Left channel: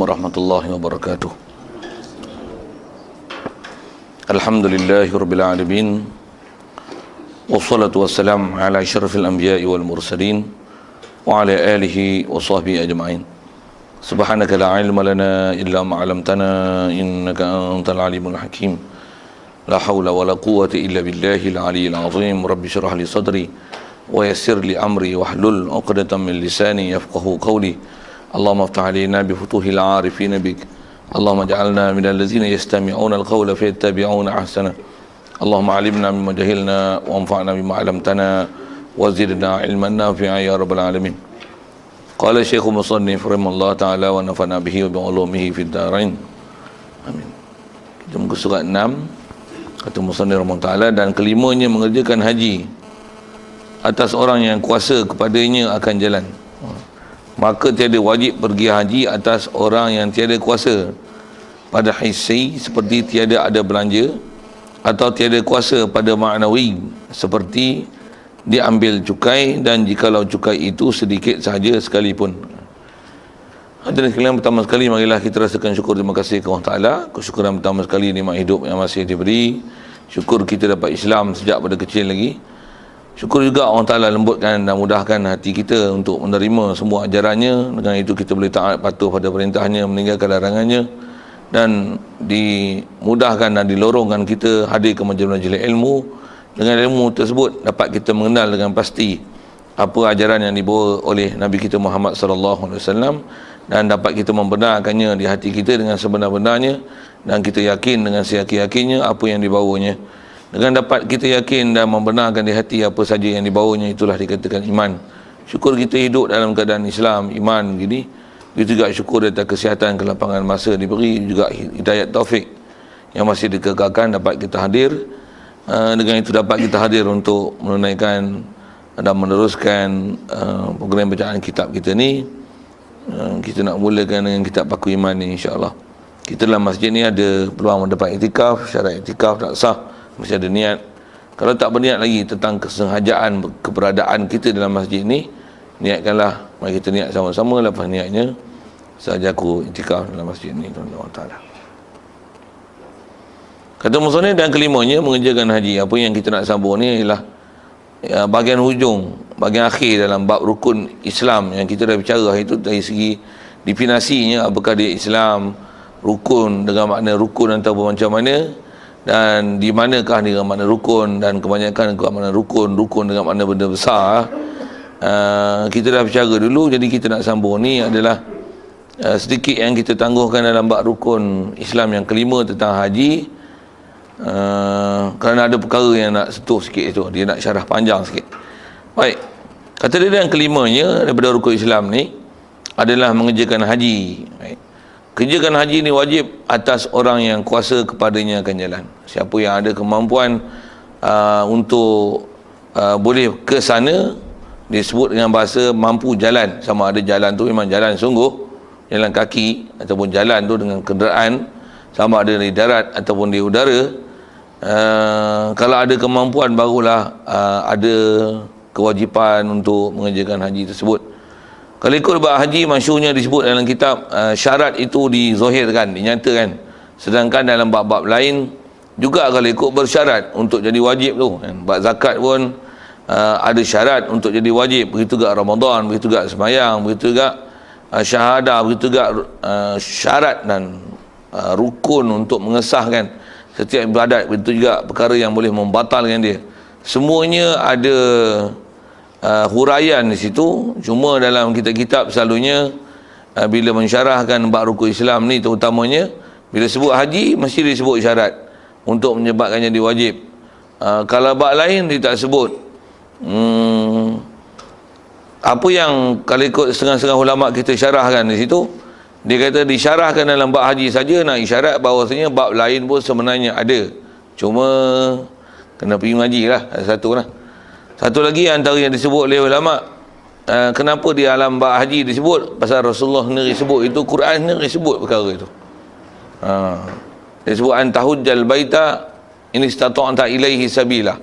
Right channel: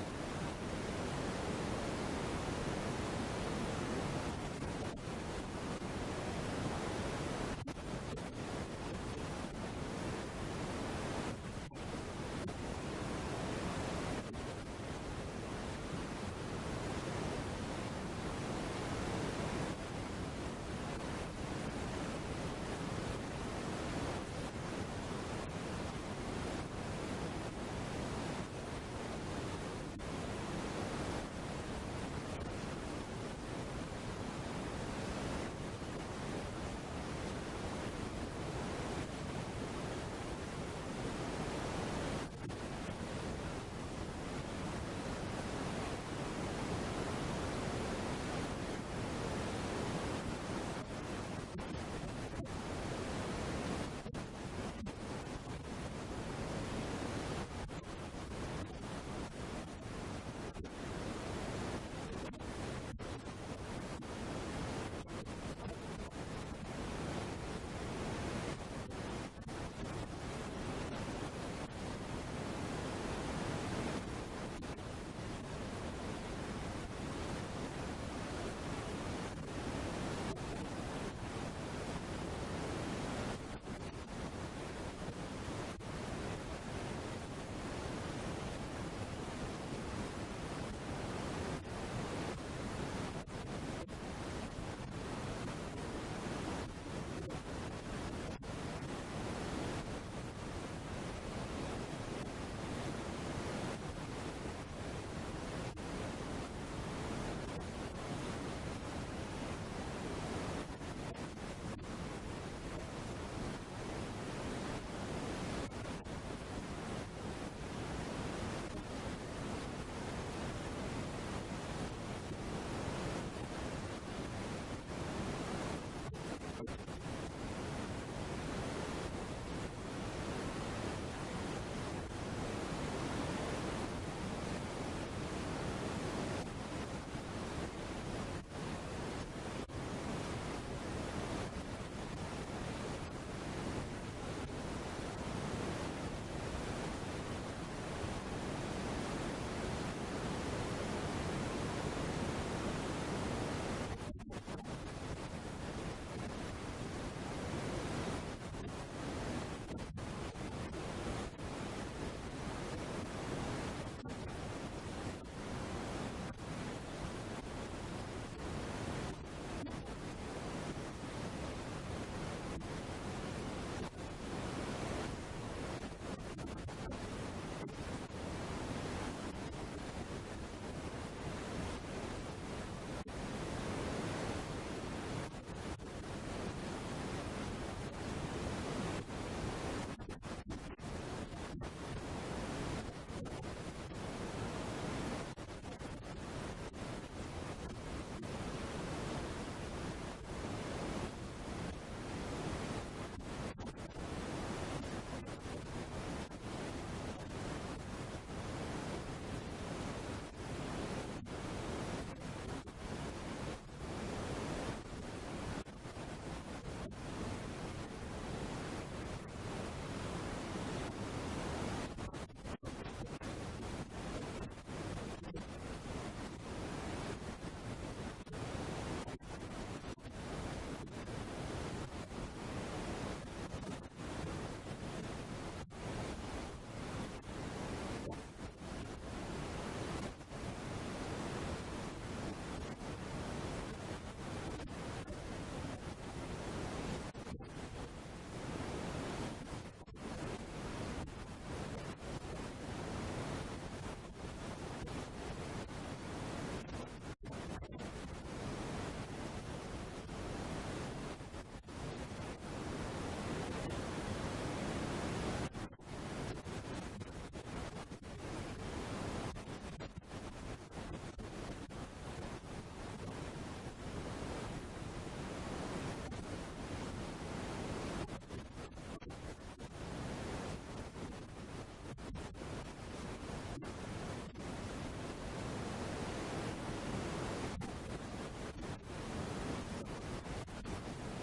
warahmatullahi wabarakatuh. Alhamdulillahirabbil alamin. Wassalatu wassalamu ala asyrafil anbiya'i wal mursalin wa ala alihi wa sahbihi ajma'in. Subhanaka la ilma lana illa ma 'allamtana innaka antal alimul hakim. La haula wala quwwata illa billahil aliyyil azim. Rabbi shrah li sadri wa yassir li amri wahlul 'uqdatam min lisani yafqahu qawli. Allahumma iftah 'alaina bi futuhil 'arifin bik. Allahumma ij'alna minal ladzina yastami'una al-qawla fayattabi'una ahsana. Allahumma 'allimna mimma jahilna wa anfa'na bima 'allamtana wa zidna 'ilman nafi'a ya rabbal alamin. Qala Syekh Musannif rahimahullah ta'ala wa nafa'na bihi wa bi 'ulumihi fid dharain. Amin. Kita muka surat 6 kata Musannif rahimahullah ta'ala, dan kelimanya mengerjakan haji atas orang yang kuasa kepadanya akan jalan. Maka tiada wajib pergi haji atas orang yang tiada kuasa pada hissi, seperti tiada ada belanja, atau tiada kuasa pada ma'nawi, seperti diambil cukai, dan jikalau cukai itu sedikit sahaja sekalipun. Hadirin sekalian, pertama sekali marilah kita rasakan syukur terima kasih kepada Allah Ta'ala. Kesyukuran pertama sekali nikmat hidup yang masih diberi. Syukur kita dapat Islam sejak pada kecil lagi. Syukur juga Allah Ta'ala lembutkan dan mudahkan hati kita untuk menerima semua ajarannya. Dengan itu kita boleh taat patuh pada perintahnya, meninggalkan larangannya, dan dimudahkan dan dilorongkan kita hadir ke majlis-majlis ilmu. Dengan ilmu tersebut dapat kita mengenal dengan pasti apa ajaran yang dibawa oleh Nabi kita Muhammad sallallahu alaihi wasallam, dan dapat kita membenarkannya di hati kita dengan sebenar-benarnya, dan kita yakin dengan seyakin-yakinnya apa yang dibawanya. Dengan dapat kita yakin dan membenarkan di hati apa saja yang dibawanya, itulah dikatakan iman. Syukur kita hidup dalam keadaan Islam, iman gini. Begitu juga syukur atas kesihatan, kelapangan masa diberi, juga hidayat taufik yang masih dikekalkan dapat kita hadir. Dengan itu dapat kita hadir untuk menunaikan dan meneruskan program bacaan kitab kita ni. Kita nak mulakan dengan kitab Paku Iman ni, insya-Allah. Kita dalam masjid ni ada peluang mendapat iktikaf. Syarat iktikaf tak sah, mesti ada niat. Kalau tak berniat lagi tentang kesengajaan keberadaan kita dalam masjid ni, niatkanlah. Mari kita niat sama-sama. Lepas niatnya, sahaja aku iktikaf dalam masjid ni, Allah Ta'ala. Kata musannif, dan kelimanya mengerjakan haji. Apa yang kita nak sambung ni ialah bahagian hujung, bahagian akhir dalam bab rukun Islam yang kita dah bicara itu, dari segi definisinya, apakah dia Islam, rukun dengan makna rukun ataupun macam mana, dan di manakah dengan makna rukun, dan kebanyakan dengan makna rukun dengan makna benda besar. Kita dah bicara dulu, jadi kita nak sambung ni adalah sedikit yang kita tangguhkan dalam bab rukun Islam yang kelima tentang haji. Kerana ada perkara yang nak sentuh sikit itu, dia nak syarah panjang sikit. Baik, kata dia yang kelimanya daripada rukun Islam ni adalah mengerjakan haji. Baik. Kerjakan haji ni wajib atas orang yang kuasa kepadanya akan jalan. Siapa yang ada kemampuan untuk boleh ke sana, disebut dengan bahasa mampu jalan. Sama ada jalan tu memang jalan sungguh, jalan kaki, ataupun jalan tu dengan kenderaan, sama ada di darat ataupun di udara. Kalau ada kemampuan barulah ada kewajipan untuk mengerjakan haji tersebut. Kalau ikut bab haji, masyhurnya disebut dalam kitab, syarat itu dizahirkan, dinyatakan. Sedangkan dalam bab-bab lain juga kalau ikut bersyarat untuk jadi wajib tu. Bab zakat pun ada syarat untuk jadi wajib. Begitu juga Ramadan, begitu juga sembahyang, begitu juga syahadah, begitu juga syarat dan rukun untuk mengesahkan setiap ibadat. Begitu juga perkara yang boleh membatalkan dia. Semuanya ada huraian di situ. Cuma dalam kitab-kitab selalunya bila mensyarahkan bab rukun Islam ni, terutamanya bila sebut haji mesti disebut syarat untuk menyebabkannya diwajib. Kalau bab lain dia tak sebut. Apa yang kalau ikut setengah-setengah ulama kita syarahkan di situ, dia kata disyarahkan dalam bab haji saja, nak isyarat bahawasanya bab lain pun sebenarnya ada. Cuma kena pergi mengaji lah, satu lah. Satu lagi antara yang disebut oleh ulama, kenapa di alam bab haji disebut, pasal Rasulullah sendiri sebut itu, Quran sendiri sebut perkara itu. Dia sebut antahujjal baita in istata'ta ilaihi sabila.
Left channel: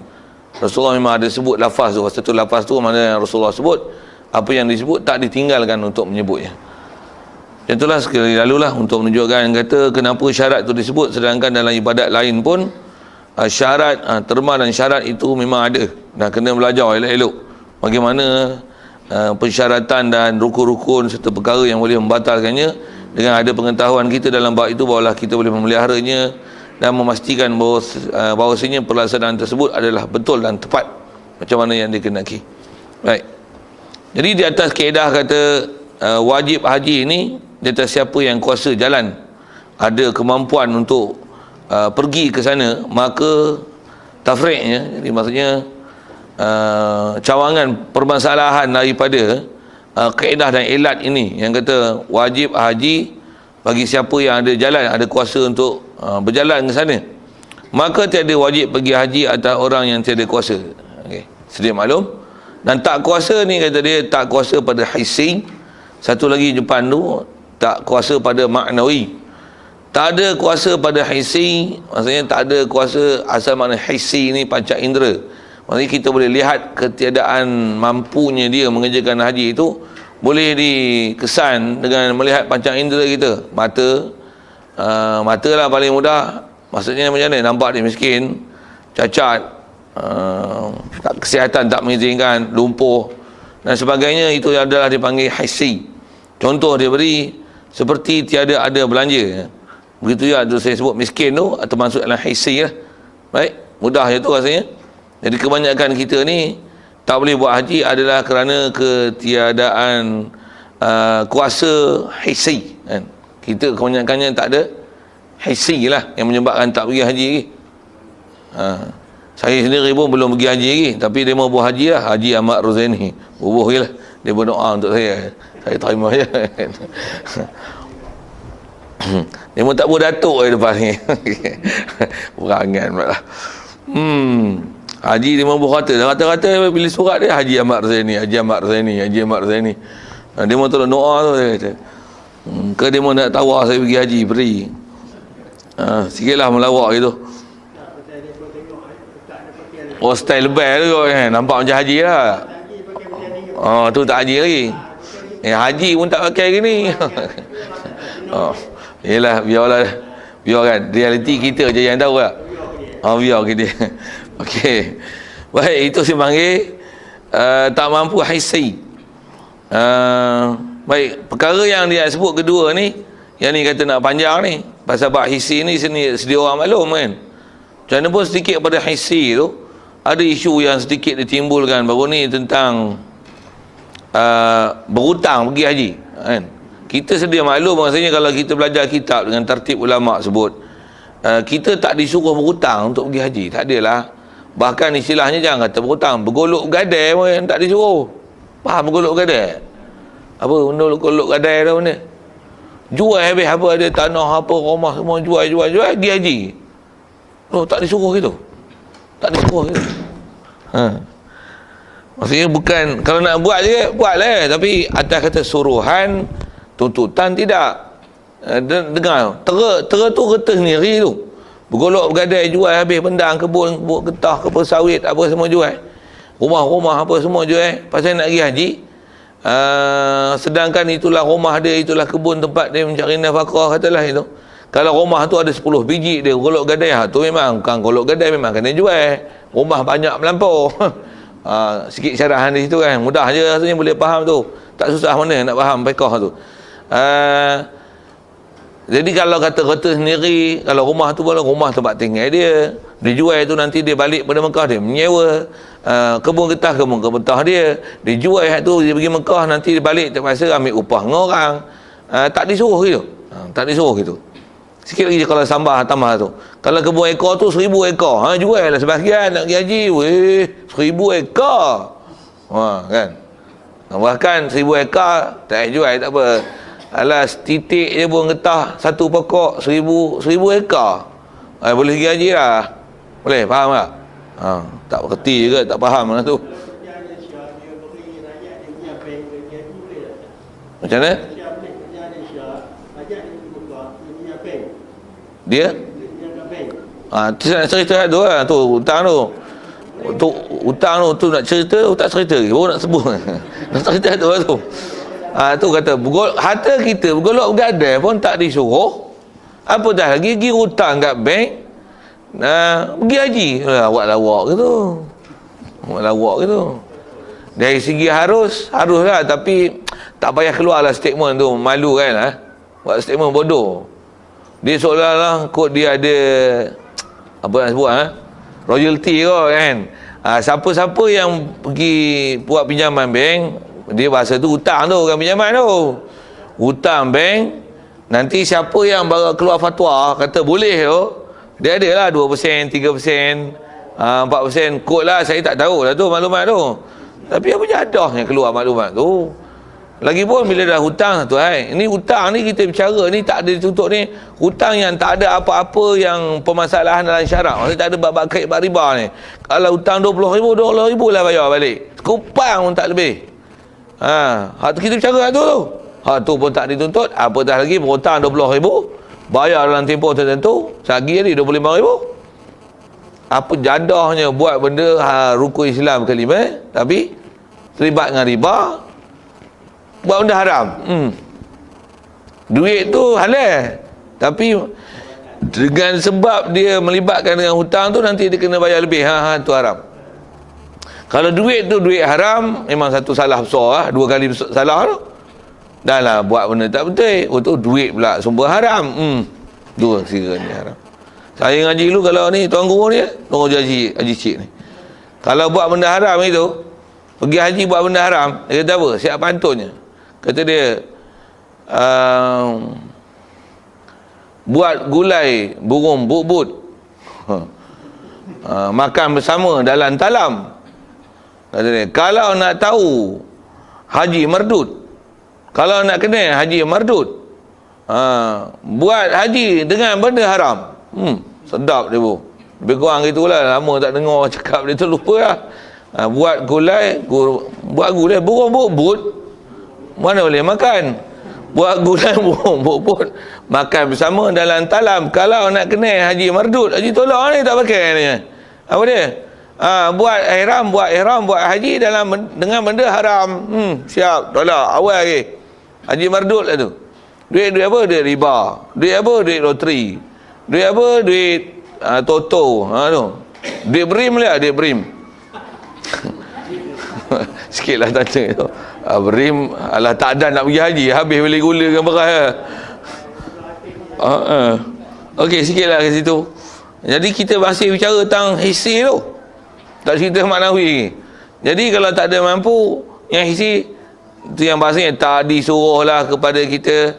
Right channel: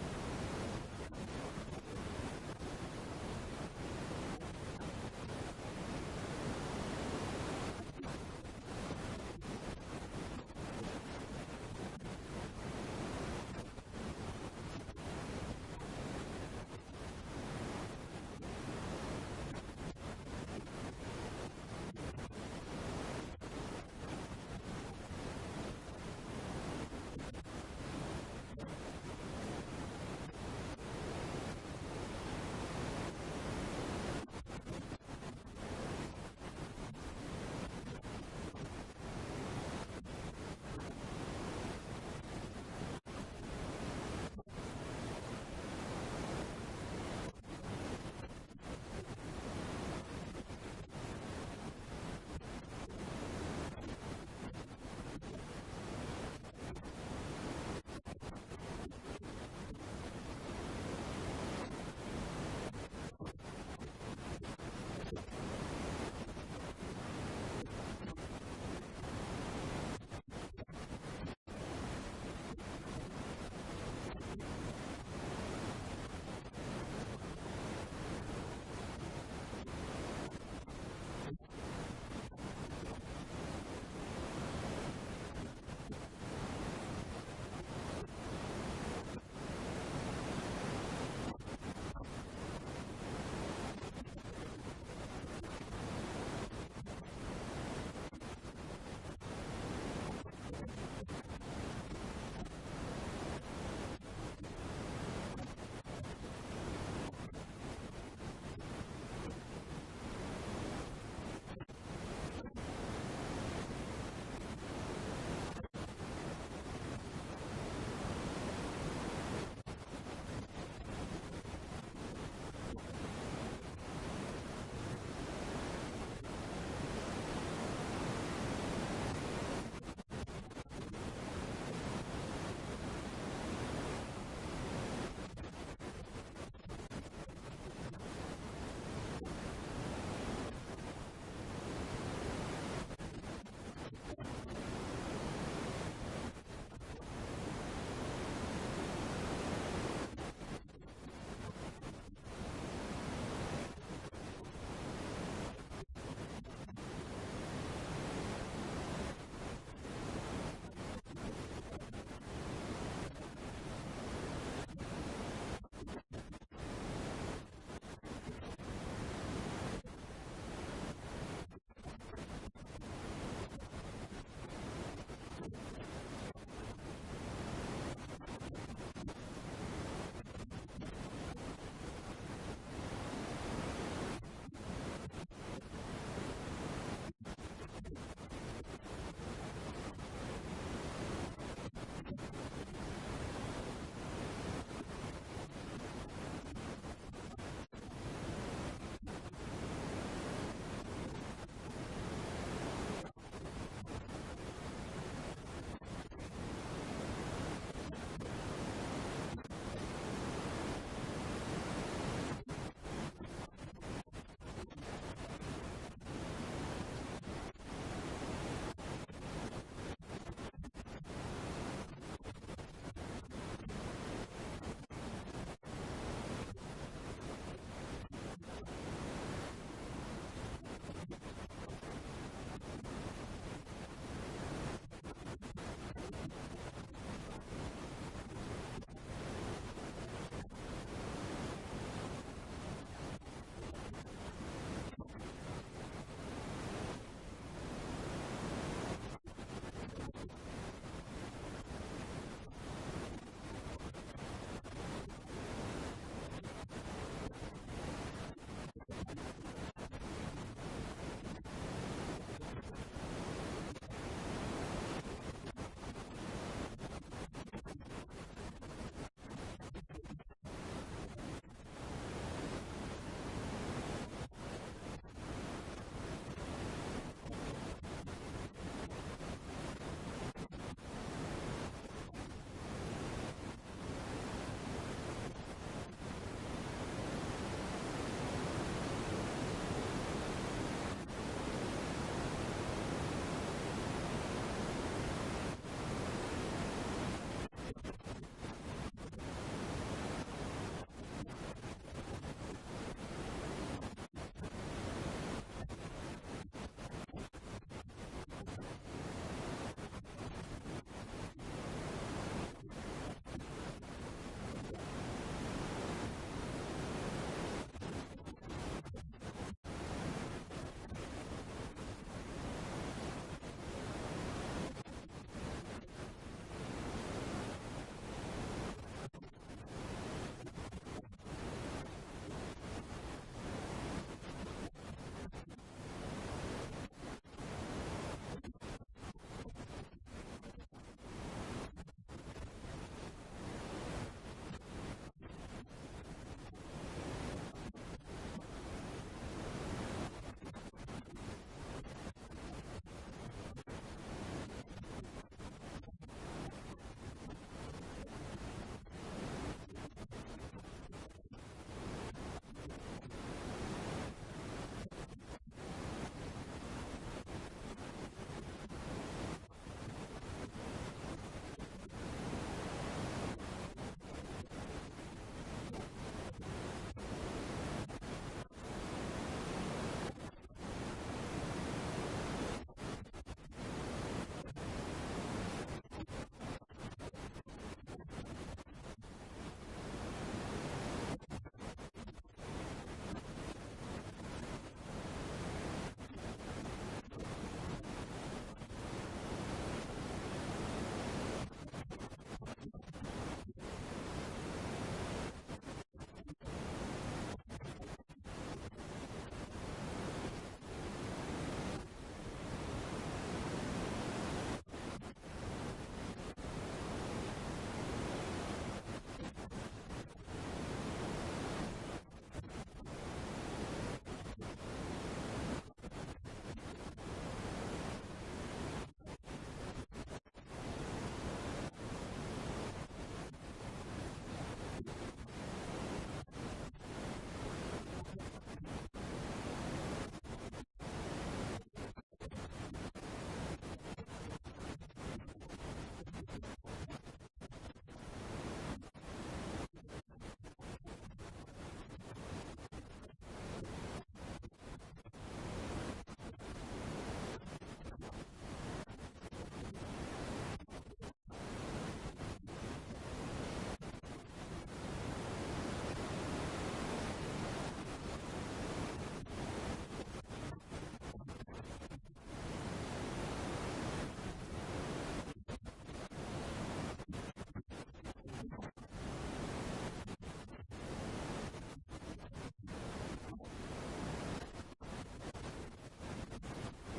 Rasulullah memang ada sebut lafaz tu. Satu lafaz tu mana yang Rasulullah sebut, apa yang disebut tak ditinggalkan untuk menyebutnya. Itulah sekali lalulah untuk menunjukkan kata kenapa syarat itu disebut, sedangkan dalam ibadat lain pun syarat, terma dan syarat itu memang ada, dan kena belajar elok-elok bagaimana persyaratan dan rukun-rukun serta perkara yang boleh membatalkannya. Dengan ada pengetahuan kita dalam bab itu, barulah kita boleh memeliharanya dan memastikan bahawasanya pelaksanaan tersebut adalah betul dan tepat macam mana yang dikehendaki. Baik. Jadi di atas kaedah kata wajib haji ini, di atas siapa yang kuasa jalan, ada kemampuan untuk pergi ke sana, maka tafriqnya, jadi maksudnya cawangan permasalahan daripada kaedah dan ilat ini yang kata wajib haji bagi siapa yang ada jalan, ada kuasa untuk berjalan ke sana, maka tiada wajib pergi haji atas orang yang tiada kuasa. Okey, sedia maklum. Dan tak kuasa ni kata dia tak kuasa pada hissi. Satu lagi depan tu tak kuasa pada maknawi. Tak ada kuasa pada hissi, maksudnya tak ada kuasa, asal makna hissi ni panca indera. Maksudnya kita boleh lihat ketiadaan mampunya dia mengerjakan haji itu boleh dikesan dengan melihat panca indera kita. Mata lah paling mudah. Maksudnya macam mana? Nampak dia miskin, cacat, kesihatan tak mengizinkan, lumpuh dan sebagainya, itu adalah dipanggil hissi. Contoh dia beri seperti tiada ada belanja. Begitu ya, tu saya sebut miskin tu termasuk dalam hissi lah. Baik, mudah je tu rasanya. Jadi kebanyakan kita ni tak boleh buat haji adalah kerana ketiadaan kuasa hissi kan. Kita kebanyakannya tak ada hissi lah yang menyebabkan tak pergi haji lagi. Saya sendiri pun belum pergi haji lagi, tapi dia mau buat haji lah, Haji Ahmad Rozaini. Bubuh je lah, dia berdoa untuk saya terima je. Dia mau tak boleh datuk di depan ni. Perangan pula lah. Haji dia mau berkata, rata-rata pilih surat dia Haji Ahmad Rozaini, Haji Ahmad Rozaini, Haji Ahmad Rozaini. Dia mau tolong doa tu, dia kata. Ke dia mau nak tawar saya pergi haji, beri. Sikitlah melawak gitu. Oh, style lebih tu kan, nampak macam haji lah. Oh, tu tak haji lagi. Haji pun tak pakai gini. Oh, yelah, biarlah. Biar kan, realiti kita je yang tahu lah. Biar kita. Okey. Baik, itu saya panggil tak mampu hissi. Baik, perkara yang dia sebut kedua ni, yang ni kata nak panjang ni, pasal bab hissi ni sedia orang maklum kan. Macam mana pun sedikit pada hissi tu, ada isu yang sedikit ditimbulkan baru ni tentang berhutang pergi haji kan. Kita sedia maklum maksudnya kalau kita belajar kitab dengan tertib ulama sebut, kita tak disuruh berhutang untuk pergi haji, tak adalah. Bahkan istilahnya jangan kata berhutang, bergolok gadai pun tak disuruh. Faham bergolok gadai? Apa benda bergolok gadai tu benda? Jual habis apa, ada tanah apa, rumah semua jual pergi haji. Oh, tak disuruh gitu. Tak disuruh gitu. Maksudnya bukan, kalau nak buat je buatlah, tapi atas kata suruhan, tuntutan tidak. Dengar, tera tu kata sendiri tu. Bergolok bergadai jual habis bendang kebun getah, kebun sawit apa semua jual. Rumah-rumah apa semua jual pasal nak pergi haji. Sedangkan itulah rumah dia, itulah kebun tempat dia mencari nafkah, katalah itu. Kalau rumah tu ada 10 biji dia golok gadai, tu memang bukan golok gadai, memang kena jual. Rumah banyak melampau. Sikit syarahan di situ kan, mudah je rasanya boleh faham tu. Tak susah mana nak faham fiqh tu. Jadi kalau kata sendiri, kalau rumah tu pula rumah tempat tinggal dia, dijual tu nanti dia balik pada Mekah, dia menyewa kebun getah dia, dijual tu dia pergi Mekah, nanti dia balik terpaksa ambil upah dengan orang. Tak disuruh gitu. Tak disuruh gitu. Sikit lagi kalau tambah tu. Kalau kebun ekor tu 1000 ekor, jual lah sebahagian nak pergi haji. Weh, 1000 ekor. Kan. Bahkan 1000 ekor tak jual tak apa. Alas titik je pun getah satu pokok 1000 ekor. Boleh pergi haji lah. Boleh, faham tak? Tak berkerti juga, tak faham lah tu. Macam mana? Dia? Cerita tu lah, tu hutang tu. Hutang tu nak cerita, tak cerita lagi. Baru nak sebut. Nak cerita tu lah tu. Tu kata harta kita bergolok bergadai pun tak disuruh. Apa dah lagi pergi hutang kat bank. Pergi haji. Awak lawak ke tu? Awak lawak ke tu? Dari segi haruslah, tapi tak payah keluarlah statement tu, malu kan. Buat statement bodoh. Dia seolah-olah kot dia ada apa nak sebut royalty kot kan. Siapa-siapa yang pergi buat pinjaman bank, dia bahasa tu hutang tu, bukan pinjaman tu. Hutang bank, nanti siapa yang baru keluar fatwa kata boleh tu, dia adalah 2%, 3%, 4%. Kod lah, saya tak tahu lah tu maklumat tu. Tapi apa jadahnya keluar maklumat tu. Lagipun bila dah hutang tu, ini hutang ni kita bicara ni tak ada ditutup ni. Hutang yang tak ada apa-apa yang permasalahan dalam syarak. Maksudnya tak ada bab-bab kait bab riba ni. Kalau hutang 20,000, 20,000 lah bayar balik. Kupang pun tak lebih. Hak tu kita bicara tu. Hak tu pun tak dituntut. Apatah lagi berhutang 20,000, bayar dalam tempoh tertentu, sehari jadi 25,000. Apa jadahnya buat benda rukun Islam kelima, tapi terlibat dengan riba, buat benda haram. Duit tu halal, tapi dengan sebab dia melibatkan dengan hutang tu, nanti dia kena bayar lebih. Tu haram. Kalau duit tu duit haram, memang satu salah besar, dua kali salah tu. Dah lah buat benda tak betul. Tu duit pula sumber haram. Dua kira ni haram. Saya ngaji dulu, kalau ni tuan guru ni, tuan guru haji cik ni, kalau buat benda haram itu, pergi haji buat benda haram, dia kata apa? Siap pantunnya. Kata dia, buat gulai burung but-but, makan bersama dalam talam. Kata dia, kalau nak tahu haji mardut, kalau nak kenal haji mardut, buat haji dengan benda haram. Sedap dia bu. Lebih kurang gitulah, lama tak dengar cakap dia tu, lupa lah. Buat gulai burung but-but, mana boleh makan. Buat gulai burung but-but, makan bersama dalam talam. Kalau nak kenal haji mardut, haji tolak ni tak pakai ni. Apa dia? Buat ihram, buat haji dengan benda haram. Siap, tolak, awal lagi. Haji mardut lah tu. Duit apa? Duit riba. Duit apa? Duit loteri. Duit apa? Duit toto. Tu. Duit brim lah, duit brim. Sikitlah tanya tu. Brim, alah tak ada nak pergi haji, habis beli gula dengan beras. Okey, sikitlah ke situ. Jadi kita masih bicara tentang hissi tu. Tak cerita maknawi. Jadi kalau tak ada mampu, yang hissi itu yang bahasanya tak disuruhlah kepada kita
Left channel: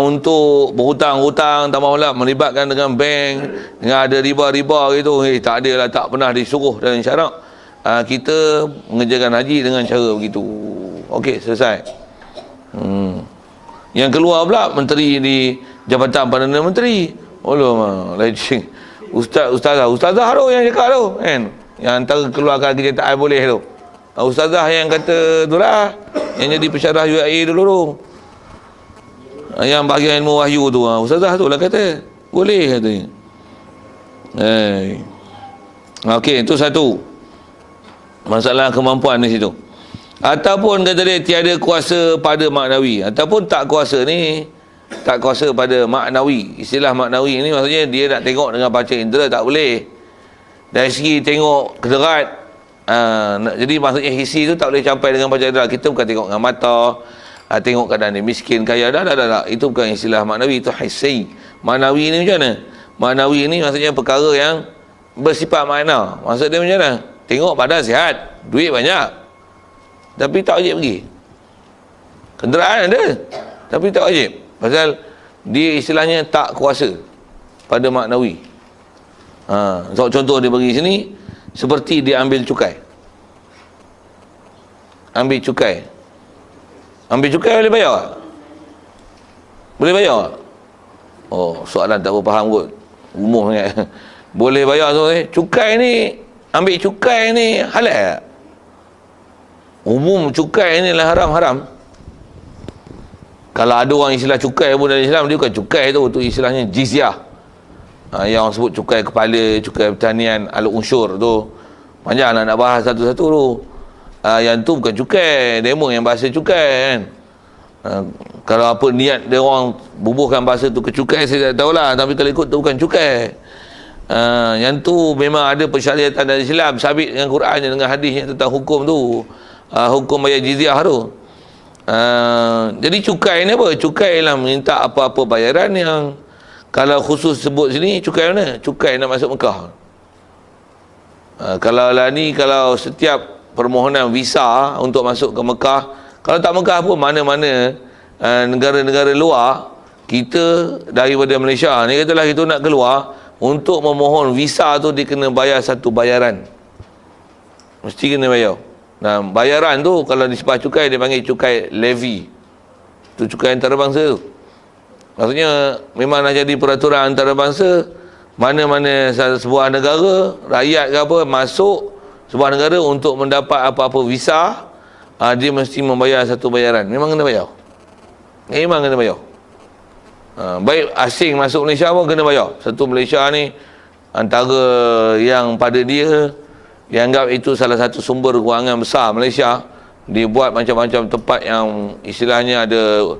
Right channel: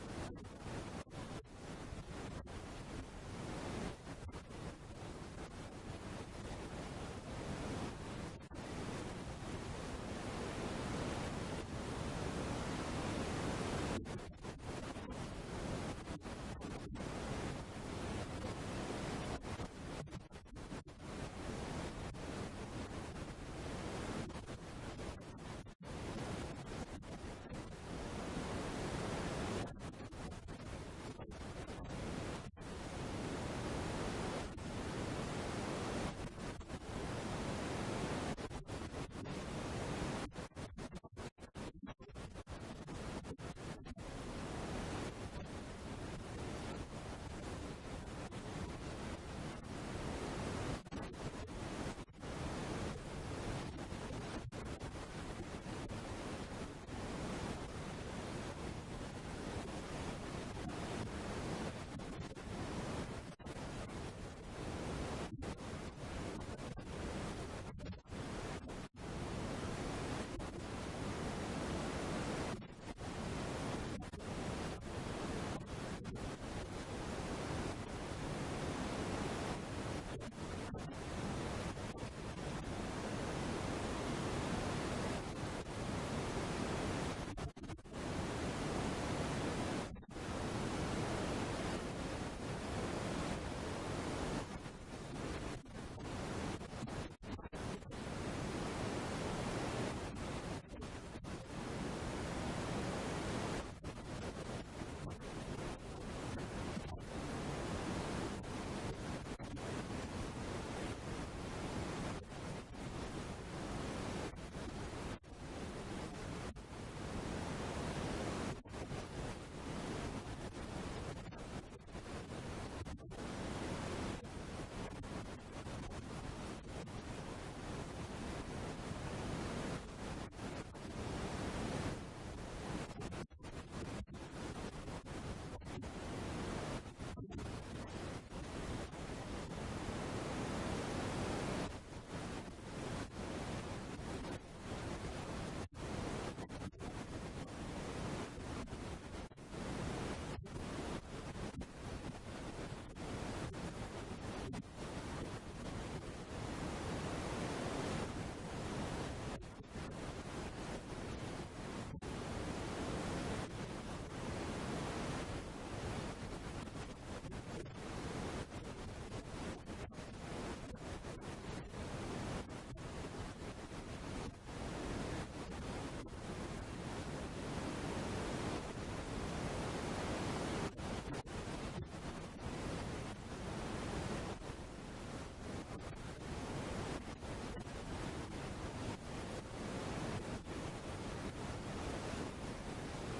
untuk berhutang-hutang, tambah pula melibatkan dengan bank, dengan ada riba-riba gitu. Tak ada lah, tak pernah disuruh dalam syarak. Kita mengerjakan haji dengan cara begitu. Okey, selesai. Yang keluar pula menteri di Jabatan Perdana Menteri. Allah, legend. Ustazah tu yang cakap tu kan. Yang antara keluarkan kenyataan boleh tu. Ustazah yang kata tu lah, yang jadi pensyarah UAE dulu tu. Yang bahagian ilmu wahyu tu, ustazah tu lah kata boleh katanya. Okey, itu satu masalah kemampuan di situ. Ataupun kata dia tiada kuasa pada maknawi, ataupun tak kuasa ni, tak kuasa pada maknawi. Istilah maknawi ni maksudnya dia nak tengok dengan panca indera tak boleh. Dari segi tengok kederat, jadi maksudnya hissi tu tak boleh sampai dengan panca indera. Kita bukan tengok dengan mata, tengok keadaan dia miskin, kaya, dah. Itu bukan istilah maknawi, itu hissi. Maknawi ni macam mana? Maknawi ni maksudnya perkara yang bersifat makna. Maksud dia macam mana? Tengok badan sihat, duit banyak, tapi tak wajib pergi. Kenderaan ada, tapi tak wajib. Pasal dia istilahnya tak kuasa pada maknawi. So, contoh dia bagi sini, seperti dia ambil cukai. Ambil cukai boleh bayar tak? Boleh bayar tak? Oh, soalan tak apa faham kot, umum sangat. Boleh bayar tu. Cukai ni, ambil cukai ni halal tak? Umum cukai ni lah haram. Kalau ada orang istilah cukai pun dalam Islam, dia bukan cukai tu istilahnya jizyah. Yang orang sebut cukai kepala, cukai pertanian, al-unsur tu. Panjang nak bahas satu-satu tu. Yang tu bukan cukai, demo yang bahasa cukai kan. Kalau apa niat dia orang bubuhkan bahasa tu ke cukai, saya tak tahulah. Tapi kalau ikut tu bukan cukai. Yang tu memang ada persyariatan dari Islam, sabit dengan Quran dengan hadis tentang hukum tu, hukum bayar jizyah tu. Jadi cukai ni apa? Cukai lah minta apa-apa bayaran yang kalau khusus sebut sini, cukai mana? Cukai nak masuk Mekah. Kalau lah ni, kalau setiap permohonan visa untuk masuk ke Mekah, kalau tak Mekah pun mana-mana negara-negara luar, kita daripada Malaysia ni katalah kita nak keluar, untuk memohon visa tu dia kena bayar satu bayaran. Mesti kena bayar. Nah, bayaran tu kalau disebut cukai, dia panggil cukai levy. Tu cukai antarabangsa tu. Maksudnya memang nak jadi peraturan antarabangsa, mana-mana sebuah negara, rakyat ke apa, masuk sebuah negara untuk mendapat apa-apa visa, dia mesti membayar satu bayaran. Memang kena bayar. Memang kena bayar. Baik asing masuk Malaysia pun kena bayar. Satu Malaysia ni antara yang pada dia dianggap itu salah satu sumber kewangan besar Malaysia. Dia buat macam-macam tempat yang istilahnya ada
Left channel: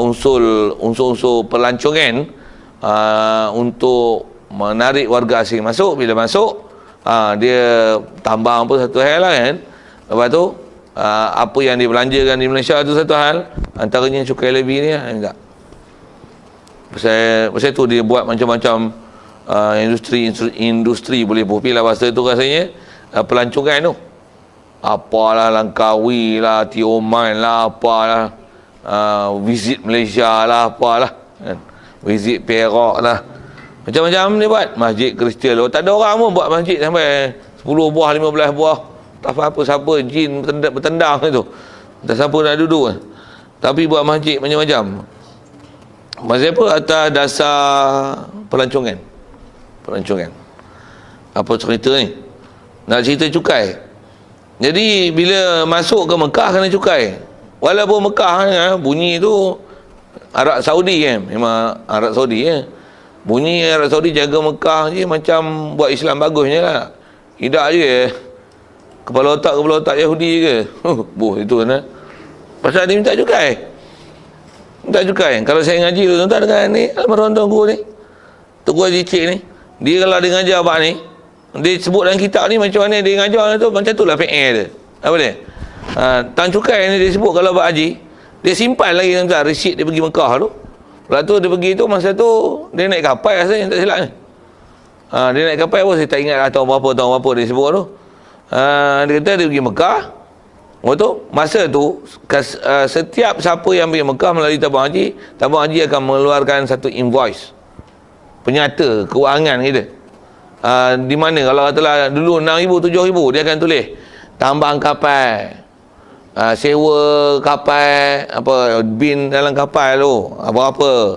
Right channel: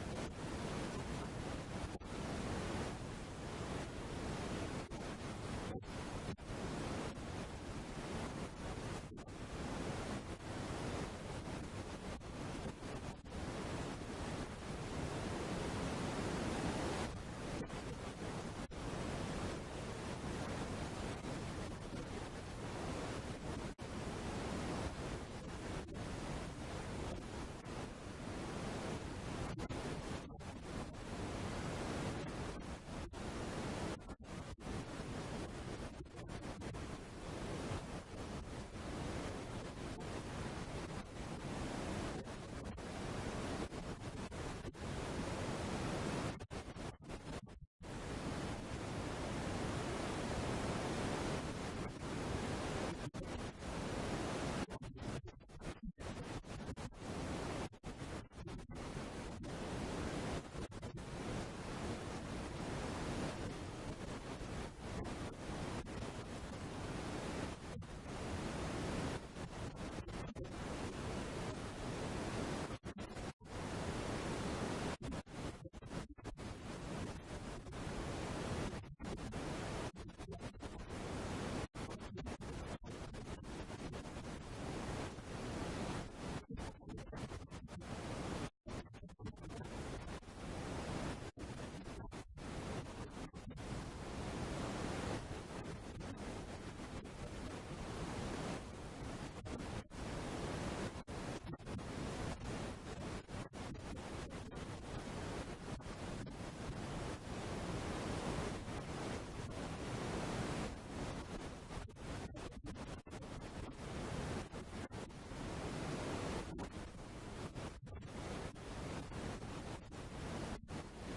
unsur-unsur pelancongan untuk menarik warga asing masuk. Bila masuk, dia tambang apa satu hal lah kan. Lepas tu apa yang dibelanjakan di Malaysia tu satu hal, antaranya cukai levy ni lah, tak. Pasal tu dia buat macam-macam industri boleh popular bahasa tu rasanya, pelancongan tu. Apalah Langkawi lah, Tioman lah, apalah visit Malaysia lah, apalah kan? Visit Perak lah, macam-macam dia buat. Masjid Kristian, tak ada orang pun buat masjid sampai 10 buah, 15 buah. Tak apa-apa, siapa jin bertendang itu, tak siapa nak duduk. Tapi buat masjid macam-macam. Maksud apa? Atas dasar pelancongan. Pelancongan. Apa cerita ni? Nak cerita cukai. Jadi bila masuk ke Mekah kena cukai. Walaupun Mekah bunyi tu Arab Saudi kan. Memang Arab Saudi ya. Bunyi Arab Saudi jaga Mekah je macam buat Islam bagusnya lah. Tidak je kepala otak Yahudi ke. Itu kan. Pasal dia minta cukai. Minta cukai. Kalau saya ngaji tu tuan-tuan dengan ni almarhum tuan guru ni, Tuan Haji Cik ni, dia kalau dia ngajar abang ni, dia sebut dalam kitab ni macam mana dia ngajar tu, macam tu lah PL dia. Apa dia? Tang cukai ni dia sebut kalau abang haji, dia simpan lagi tuan-tuan resit dia pergi Mekah tu. Lepas tu dia pergi tu, masa tu dia naik kapal rasanya, tak silap ni. Dia naik kapal pun saya tak ingat lah tahun berapa dia sebut tu. Dia kata dia pergi Mekah. Betul? Masa tu setiap siapa yang pergi Mekah melalui tabung haji akan mengeluarkan satu invoice, penyata kewangan kita. Di mana kalau katalah dulu 6,000 7,000, dia akan tulis tambang kapal, sewa kapal, apa bin dalam kapal tu apa-apa,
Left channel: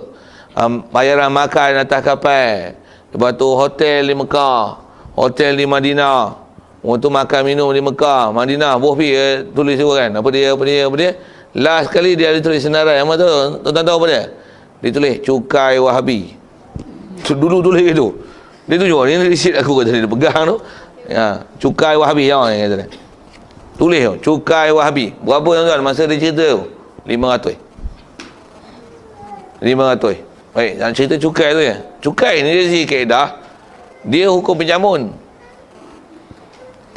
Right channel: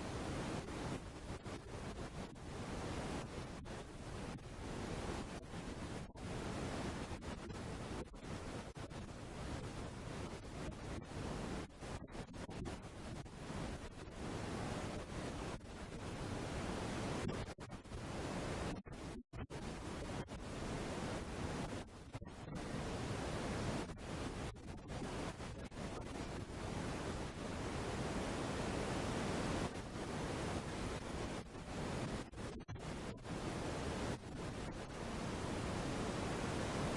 bayaran makan atas kapal, lepas tu hotel di Mekah, hotel di Madinah, untuk makan minum di Mekah, Madinah, boh tulis semua kan. Apa dia. Last kali dia ada tulis senarai. Apa tu? Tuan-tuan tahu apa dia? Dia tulis cukai Wahabi. Dulu tulis gitu. Dia tunjuk, ni resit aku kata dia pegang tu. Ya, cukai Wahabi yang kata dia. Tulis tu, cukai Wahabi. Berapa tuan-tuan masa dia cerita tu? 500. 500. Baik, nak cerita cukai tu ya. Cukai ni dia segi kaedah, dia hukum penjamun.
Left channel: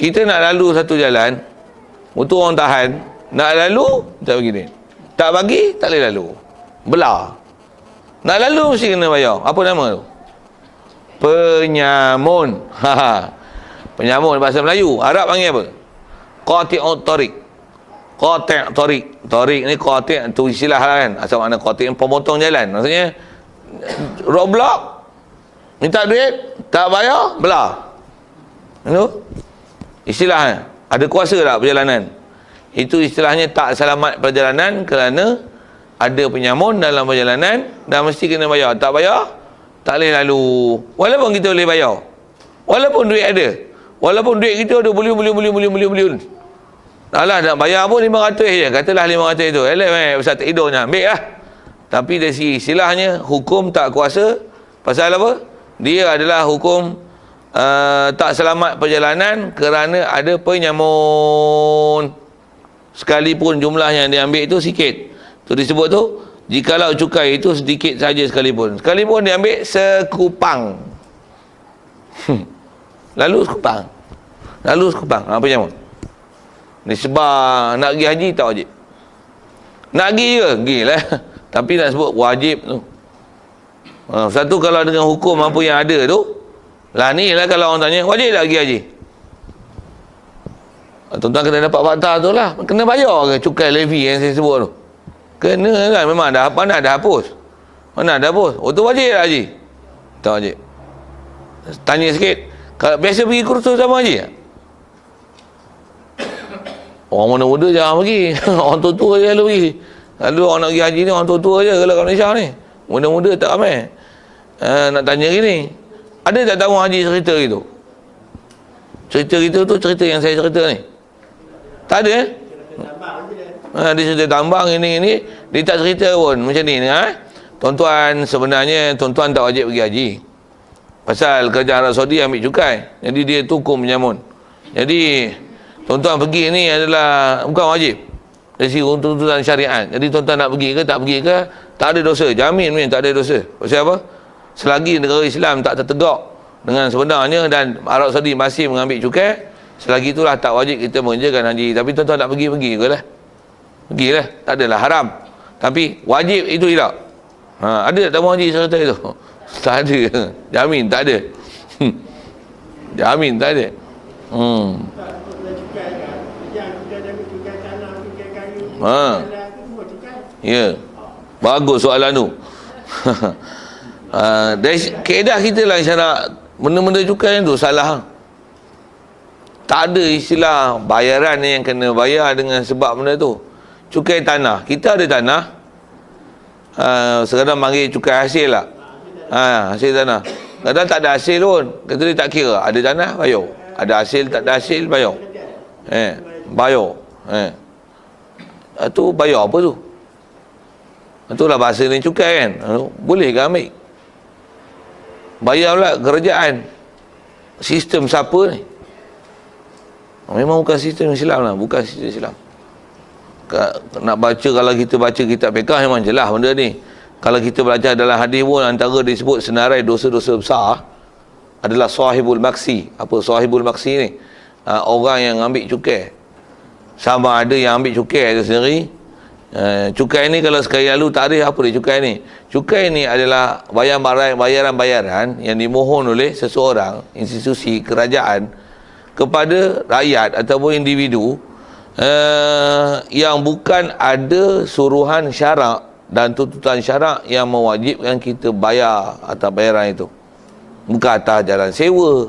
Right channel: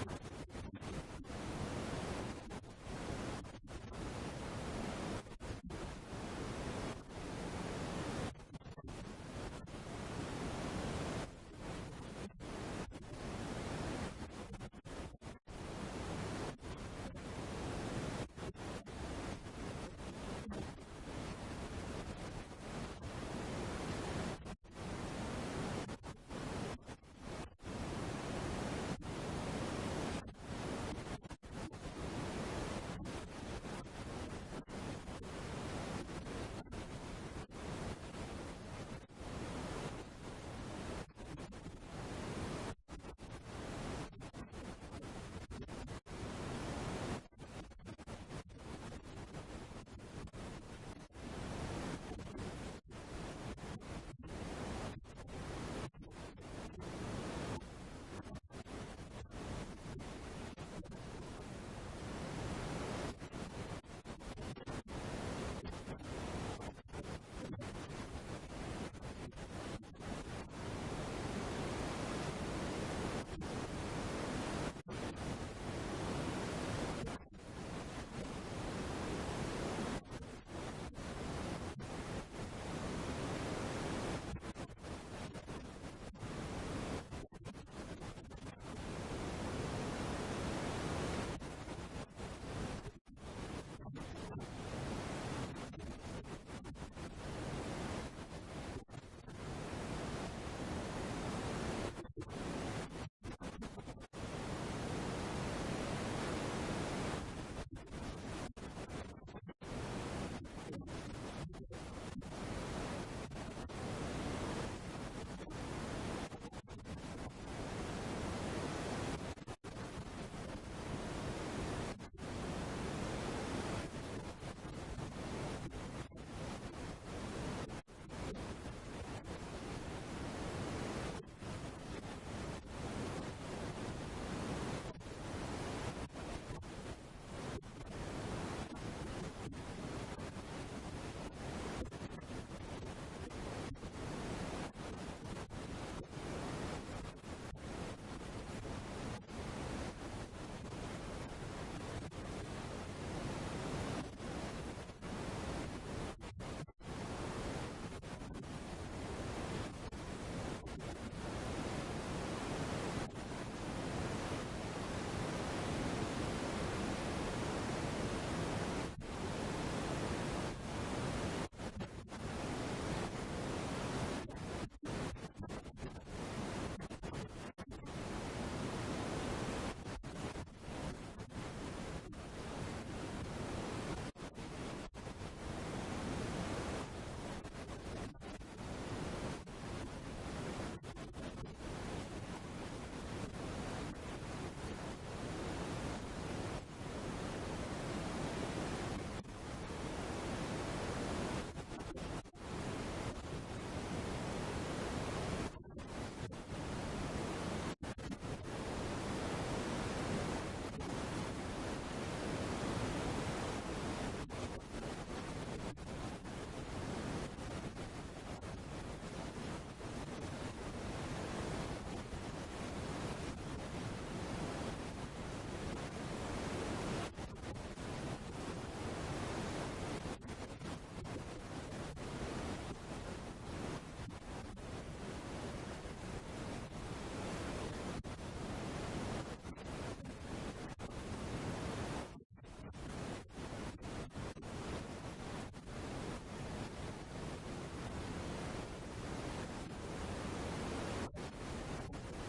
Kita nak lalu satu jalan, motor orang tahan, nak lalu, tak begini. Tak bagi, tak boleh lalu. Belah. Nak lalu mesti kena bayar. Apa nama tu? Penyamun. Penyamun bahasa Melayu. Arab panggil apa? Qati'ut tariq. Qati' tariq. Tariq ni qati' tu istilah lah kan. Asal makna qati' pemotong jalan. Maksudnya roadblock, minta duit, tak bayar, belah. Itu istilahnya. Ada kuasa tak perjalanan? Itu istilahnya tak selamat perjalanan kerana ada penyamun dalam perjalanan dan mesti kena bayar. Tak bayar, tak boleh lalu. Walaupun kita boleh bayar, walaupun duit ada, walaupun duit kita ada bilion. Alah, nak bayar pun 500 je. Katalah 500 itu. Pasal tak hidupnya, ambil lah. Tapi dari segi istilahnya, hukum tak kuasa. Pasal apa? Dia adalah hukum tak selamat perjalanan kerana ada penyamun. Sekalipun jumlah yang dia ambil itu sikit, Tu disebut tu, jikalau cukai itu sedikit saja sekalipun dia ambil sekupang. Lalu sekupang. Apa macam mana? Ni sebab nak pergi haji tak wajib. Nak pergi ke? Pergilah. Tapi nak sebut wajib tu. Satu kalau dengan hukum apa yang ada tu, lah ni lah kalau orang tanya, wajib tak pergi haji? Tuan-tuan kena dapat fakta tu lah. Kena bayar ke cukai levy yang saya sebut tu? Kena kan, memang dah hapus. Mana dah hapus? Oh tu wajib tak haji? Tak wajib. Tanya sikit, kalau biasa pergi kursus sama haji tak? Orang muda-muda jangan pergi. Orang tua-tua je lalu pergi. Lalu orang nak pergi haji ni orang tua-tua je kalau kat Malaysia ni. Muda-muda tak ramai. Nak tanya gini, ada tak tahu haji cerita gitu? Cerita gitu tu cerita yang saya cerita ni. Tak ada dia cerita tambang ini dia tak cerita pun macam ni Tuan-tuan, sebenarnya tuan-tuan tak wajib pergi haji. Pasal kerajaan Arab Saudi ambil cukai. Jadi dia tukum menyamun. Jadi tuan-tuan pergi ni adalah bukan wajib dari segi tuntutan syariat. Jadi tuan-tuan nak pergi ke tak pergi ke, tak ada dosa. Jamin tak ada dosa. Pasal apa? Selagi negara Islam tak tertegak dengan sebenarnya dan Arab Saudi masih mengambil cukai, selagi itulah tak wajib kita mengerjakan haji. Tapi tuan-tuan nak pergi ke lah. Pergilah. Tak adalah haram. Tapi wajib itu tidak. Ada tak tahu haji serta itu? Tak ada. Jamin tak ada. Jamin tak ada. Ya. Bagus soalan tu. Dari kaedah kita lah syarat benda-benda cukai tu salah. Tak ada istilah bayaran yang kena bayar dengan sebab benda tu. Cukai tanah, kita ada tanah, sekadar panggil cukai hasil lah. Hasil tanah. Kadang tak ada hasil pun, kata dia tak kira. Ada tanah, bayar. Ada hasil, tak ada hasil, bayar. Bayar. Itu bayar apa tu? Itulah bahasa ni cukai kan. Boleh ke ambil? Bayar pula kerajaan. Sistem siapa ni? Memang bukan sistem Islam lah. Bukan sistem Islam. Nak baca, kalau kita baca kitab fiqh memang jelas benda ni. Kalau kita belajar dalam hadis pun antara disebut senarai dosa-dosa besar adalah sahibul maksi. Apa sahibul maksi ni? Orang yang ambil cukai. Sama ada yang ambil cukai itu sendiri. Cukai ni kalau sekali lalu tarikh apa dia cukai ni? Cukai ni adalah bayaran-bayaran yang dimohon oleh seseorang, institusi kerajaan kepada rakyat ataupun individu yang bukan ada suruhan syarak dan tuntutan syarak yang mewajibkan kita bayar atas bayaran itu. Bukan atas jalan sewa,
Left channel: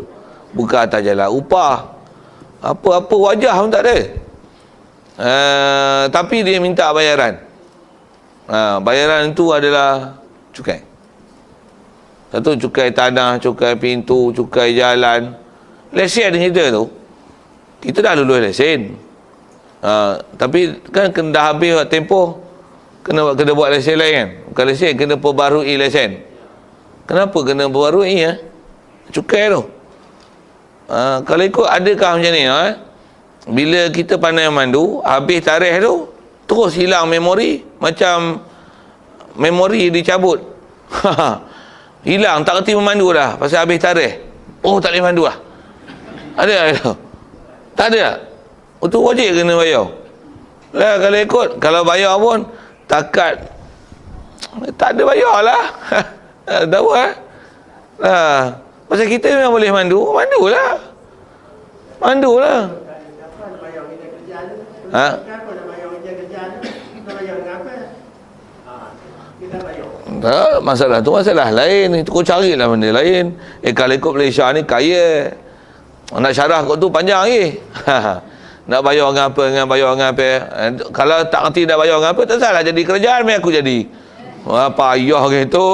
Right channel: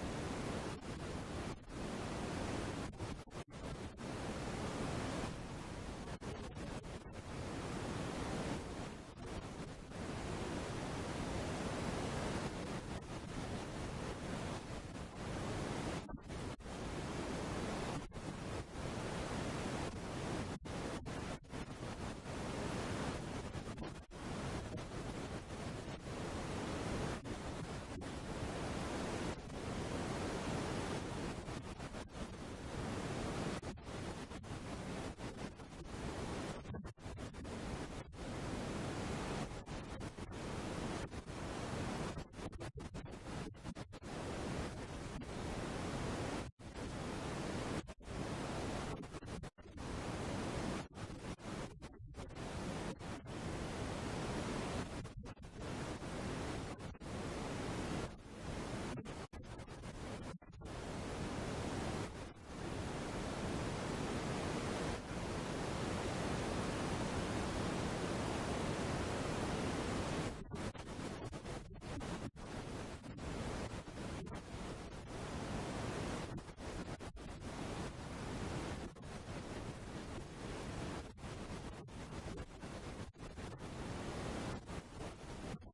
bukan atas jalan upah, apa-apa wajah pun tak ada. Tapi dia minta bayaran. Bayaran itu adalah cukai. Satu cukai tanah, cukai pintu, cukai jalan. Lesen kita tu, kita dah lulus lesen. Tapi kan kena dah habis tempoh, kena buat lesen lain kan. Bukan lesen, kena perbarui lesen. Kenapa kena perbarui cukai tu? Kalau ikut adakah macam ni bila kita pandai mandu, habis tarikh tu terus hilang memori, macam memori dicabut. Hilang, tak kerti memandu dah pasal habis tarikh. Oh, tak boleh mandu lah. Ada tak? Tak ada tak? Itu wajib kena bayar. Lah kalau ikut, kalau bayar pun takat tak ada bayar lah. Tak tahu pasal kita memang boleh mandu, mandu lah. Tak, masalah tu masalah lain. Itu kau carilah benda lain. Kalau ikut Malaysia ni kaya, nak syarah kau tu panjang lagi. Nak bayar dengan apa, kalau tak kerti nak bayar dengan apa, tak salah jadi kerajaan aku jadi. Payah gitu.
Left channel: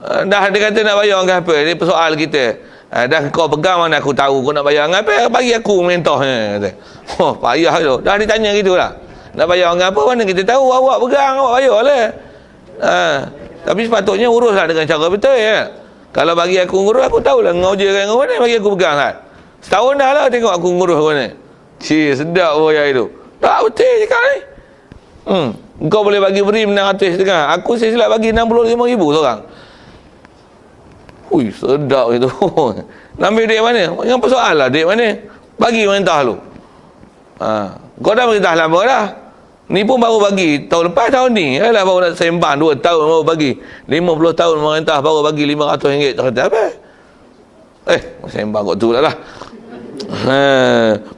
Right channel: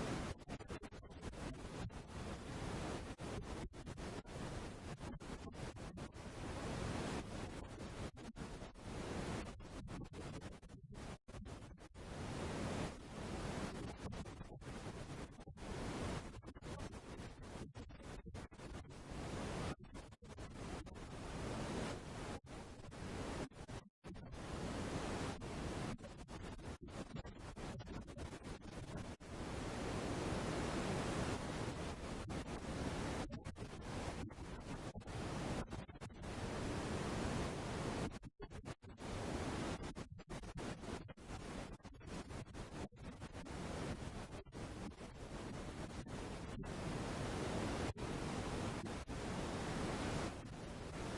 Dah dia kata nak bayar dengan apa, ni persoal kita. Dah kau pegang mana aku tahu kau nak bayar dengan apa, bagi aku mentahnya kata. Oh, payah tu. Dah ditanya gitulah. Nak bayar dengan apa, mana kita tahu, awak pegang, awak bayarlah. Tapi sepatutnya uruslah dengan cara betul ya. Kalau bagi aku ngurus, aku tahulah ngau je kan ngau ni, bagi aku pegang kan. Setahun dah lah tengok aku ngurus kau ni. Sedap oh ya itu. Tak betul cakap ni. Engkau boleh bagi beri 600 setengah. Aku saya silap bagi 65,000 seorang. Ui, sedap itu. Nak ambil duit mana? Yang persoalan lah duit mana? Bagi mentah lu. Kau dah berintah lama dah. Ni pun baru bagi tahun lepas, tahun ni. Alah baru nak sembang 2 tahun baru bagi. 50 tahun merintah baru bagi RM500. Tak kata apa? Sembang kot tu lah.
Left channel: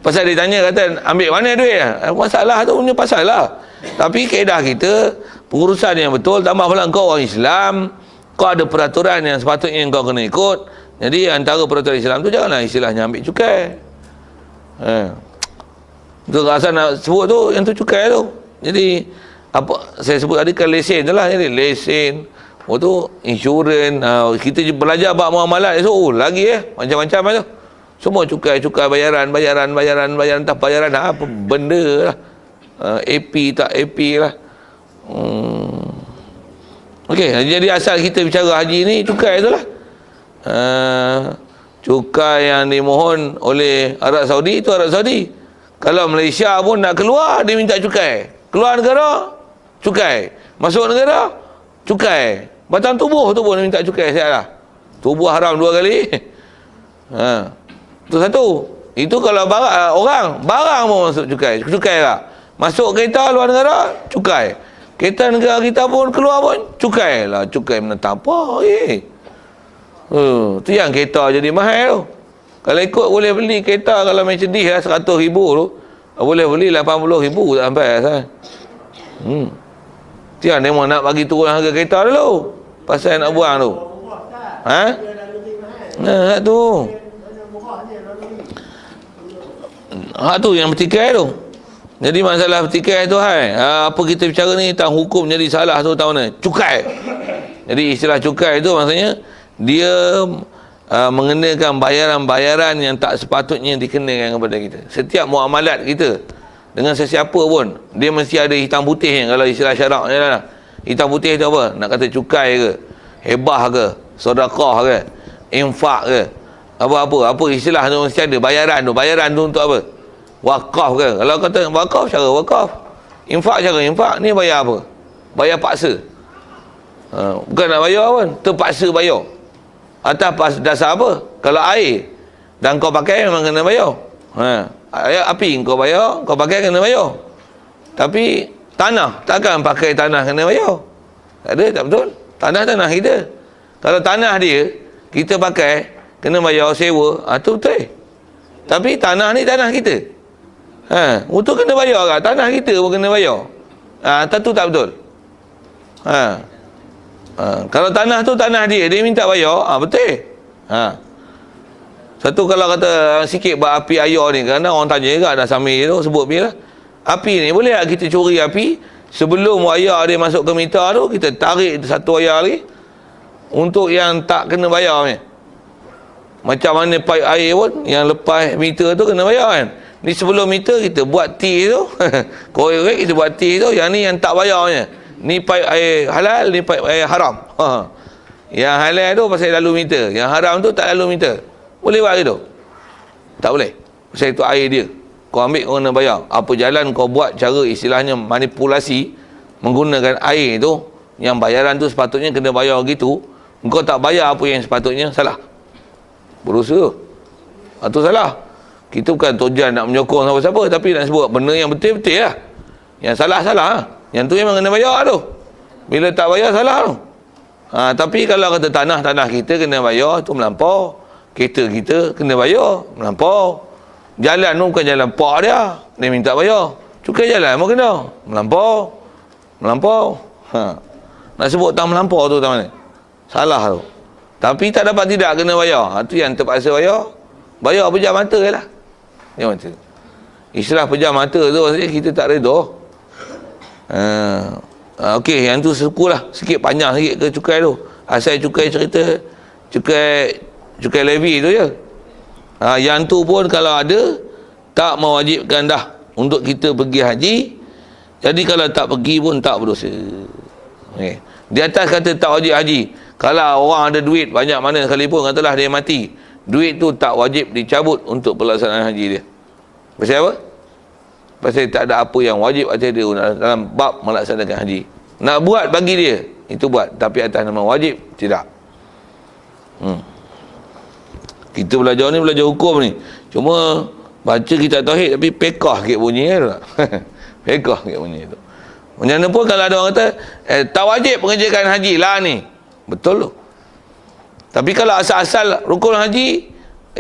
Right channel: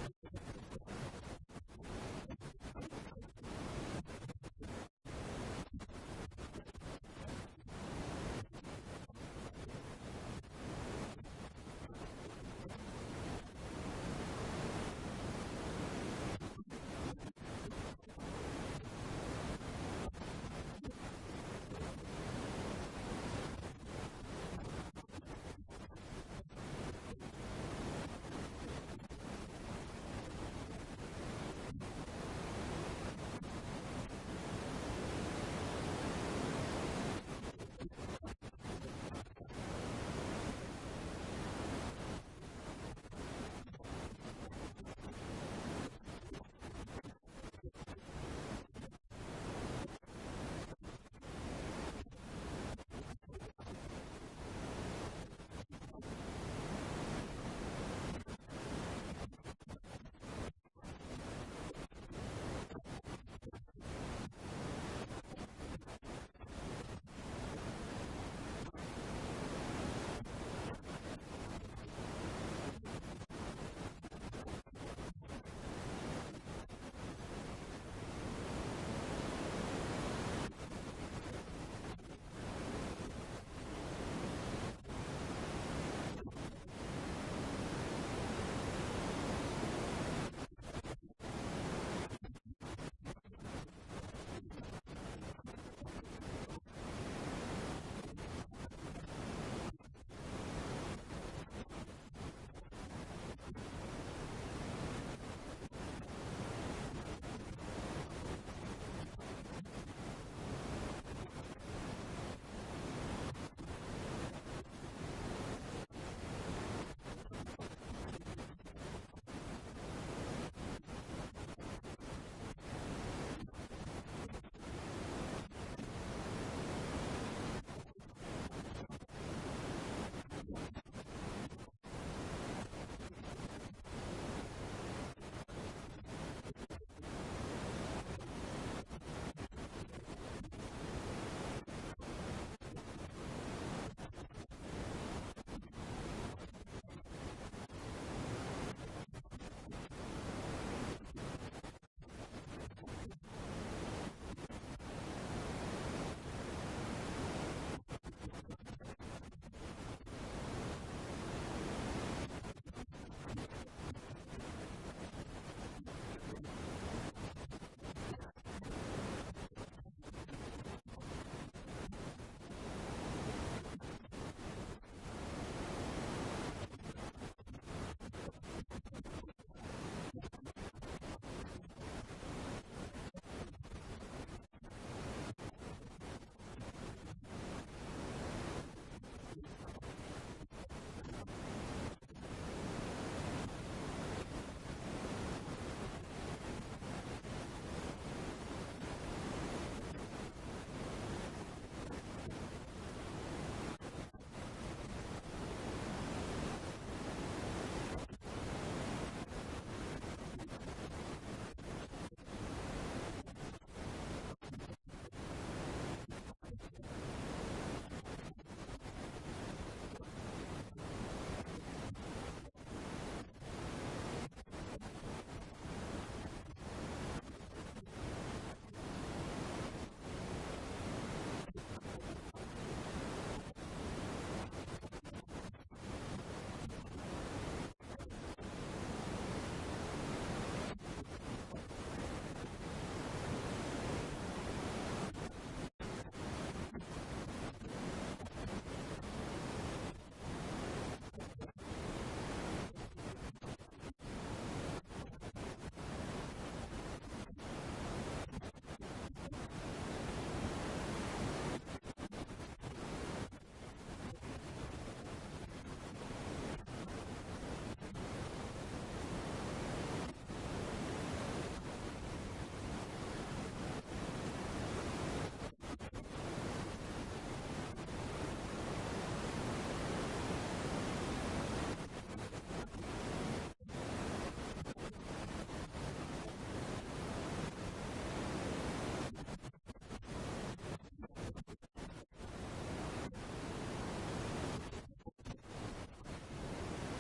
Pasal dia tanya kata ambil mana duit? Masalah tu punya pasal lah. Tapi kaedah kita pengurusan yang betul. Tambah pula kau orang Islam, kau ada peraturan yang sepatutnya kau kena ikut. Jadi antara peraturan Islam tu janganlah istilahnya ambil cukai. Tu rasa nak sebut tu yang tu cukai tu. Jadi apa saya sebut tadi kan lesen tu lah. Jadi lesen, tu insurans, kita belajar bab muamalat esok lagi macam-macam tu. Semua cukai bayaran tak bayaran apa benda lah. AP tak AP lah. Okey, jadi asal kita bicara haji ni cukai tu lah. Cukai yang dimohon oleh Arab Saudi itu Arab Saudi. Kalau Malaysia pun nak keluar, dia minta cukai. Keluar negara, cukai. Masuk negara, cukai. Batang tubuh tu pun dia minta cukai. Siap lah. Tubuh haram 2 kali. Itu satu. Itu kalau barang pun masuk cukai. Cukai lah. Masuk kereta luar negara, cukai. Kereta negara kita pun keluar pun, cukai lah. Cukai menentang apa? Tu yang kereta jadi mahal tu. Kalau ikut boleh beli kereta kalau Mercedes lah 100,000 tu, boleh beli 80,000 tak sampai asal. Tiang dia mau nak bagi turun harga kereta dulu pasal nak buang tu. Tu. Tu yang bertikai tu. Jadi masalah bertikai tu apa kita bicara ni tentang hukum jadi salah tu tahu ni. Cukai. Jadi istilah cukai tu maksudnya dia mengenakan bayaran-bayaran yang tak sepatutnya dikenakan kepada kita. Setiap muamalat kita dengan sesiapa pun, dia mesti ada hitam putih kalau istilah syarak ni lah. Hitam putih tu apa? Nak kata cukai ke, hebah ke, sedekah ke, infak ke, apa istilah tu mesti ada. Bayaran tu untuk apa? Wakaf ke? Kalau kata wakaf, cara wakaf. Infak, cara infak. Ni bayar apa? Bayar paksa. Bukan nak bayar pun, terpaksa bayar. Atas dasar apa? Kalau air dan kau pakai memang kena bayar. Api kau bayar, kau pakai kena bayar. Tapi tanah, takkan pakai tanah kena bayar. Tak ada, tak betul. Tanah kita. Kalau tanah dia kita pakai kena bayar sewa, tu betul. Tapi tanah ni tanah kita. Untuk kena bayar kan? Tanah kita pun kena bayar. Tu tak betul. Kalau tanah tu tanah dia minta bayar, betul. Satu kalau kata sikit bab api air ni, kerana orang tanya juga dah sambil tu sebut bila api ni boleh tak kita curi api sebelum wayar dia masuk ke meter tu, kita tarik satu wayar lagi untuk yang tak kena bayar ni. Macam mana pipe air pun yang lepas meter tu kena bayar kan. Ni sebelum meter kita buat T tu korek kita buat T tu, yang ni yang tak bayarnya. Ni pipe air halal, ni pipe air haram. Yang halal tu pasal lalu meter, yang haram tu tak lalu meter. Boleh buat gitu? Tak boleh. Pasal itu air dia. Kau ambil kau kena bayar. Apa jalan kau buat cara istilahnya manipulasi menggunakan air tu, yang bayaran tu sepatutnya kena bayar gitu, kau tak bayar apa yang sepatutnya, salah. Berusaha. Itu salah. Kita bukan tujuan nak menyokong siapa-siapa, tapi nak sebut benda yang betul-betul lah. Yang salah-salah. Yang tu memang kena bayar tu. Bila tak bayar, salah tu. Tapi kalau kata tanah kita kena bayar, tu melampau. Kereta kita kena bayar, melampau. Jalan tu bukan jalan pak dia minta bayar. Cukai jalan pun kena, melampau. Nak sebut tang melampau tu tang mana? Salah tu. Tapi tak dapat tidak kena bayar. Tu yang terpaksa bayar. Bayar pejam mata je lah. Pejam mata. Istilah pejam mata tu maksudnya kita tak reda. Okey, yang tu sukulah sikit panjang sikit ke cukai tu. Asal cukai cerita cukai levy tu je. Yang tu pun kalau ada tak mewajibkan dah untuk kita pergi haji. Jadi kalau tak pergi pun tak berdosa. Okay. Di atas kata tak wajib haji. Kalau orang ada duit banyak mana sekalipun, katalah dia mati, duit tu tak wajib dicabut untuk pelaksanaan haji dia. Pasal apa? pasal tak ada apa yang wajib atas dia dalam bab melaksanakan haji. Nak buat bagi dia, itu buat. Tapi atas nama wajib, tidak. Kita belajar ni, belajar hukum ni. Cuma baca kitab tauhid tapi pekah sikit bunyi kan. Pekah sikit bunyi tu. Macam mana pun kalau ada orang kata tak wajib mengerjakan haji lah ni. Betul tu. Tapi kalau asal-asal rukun haji,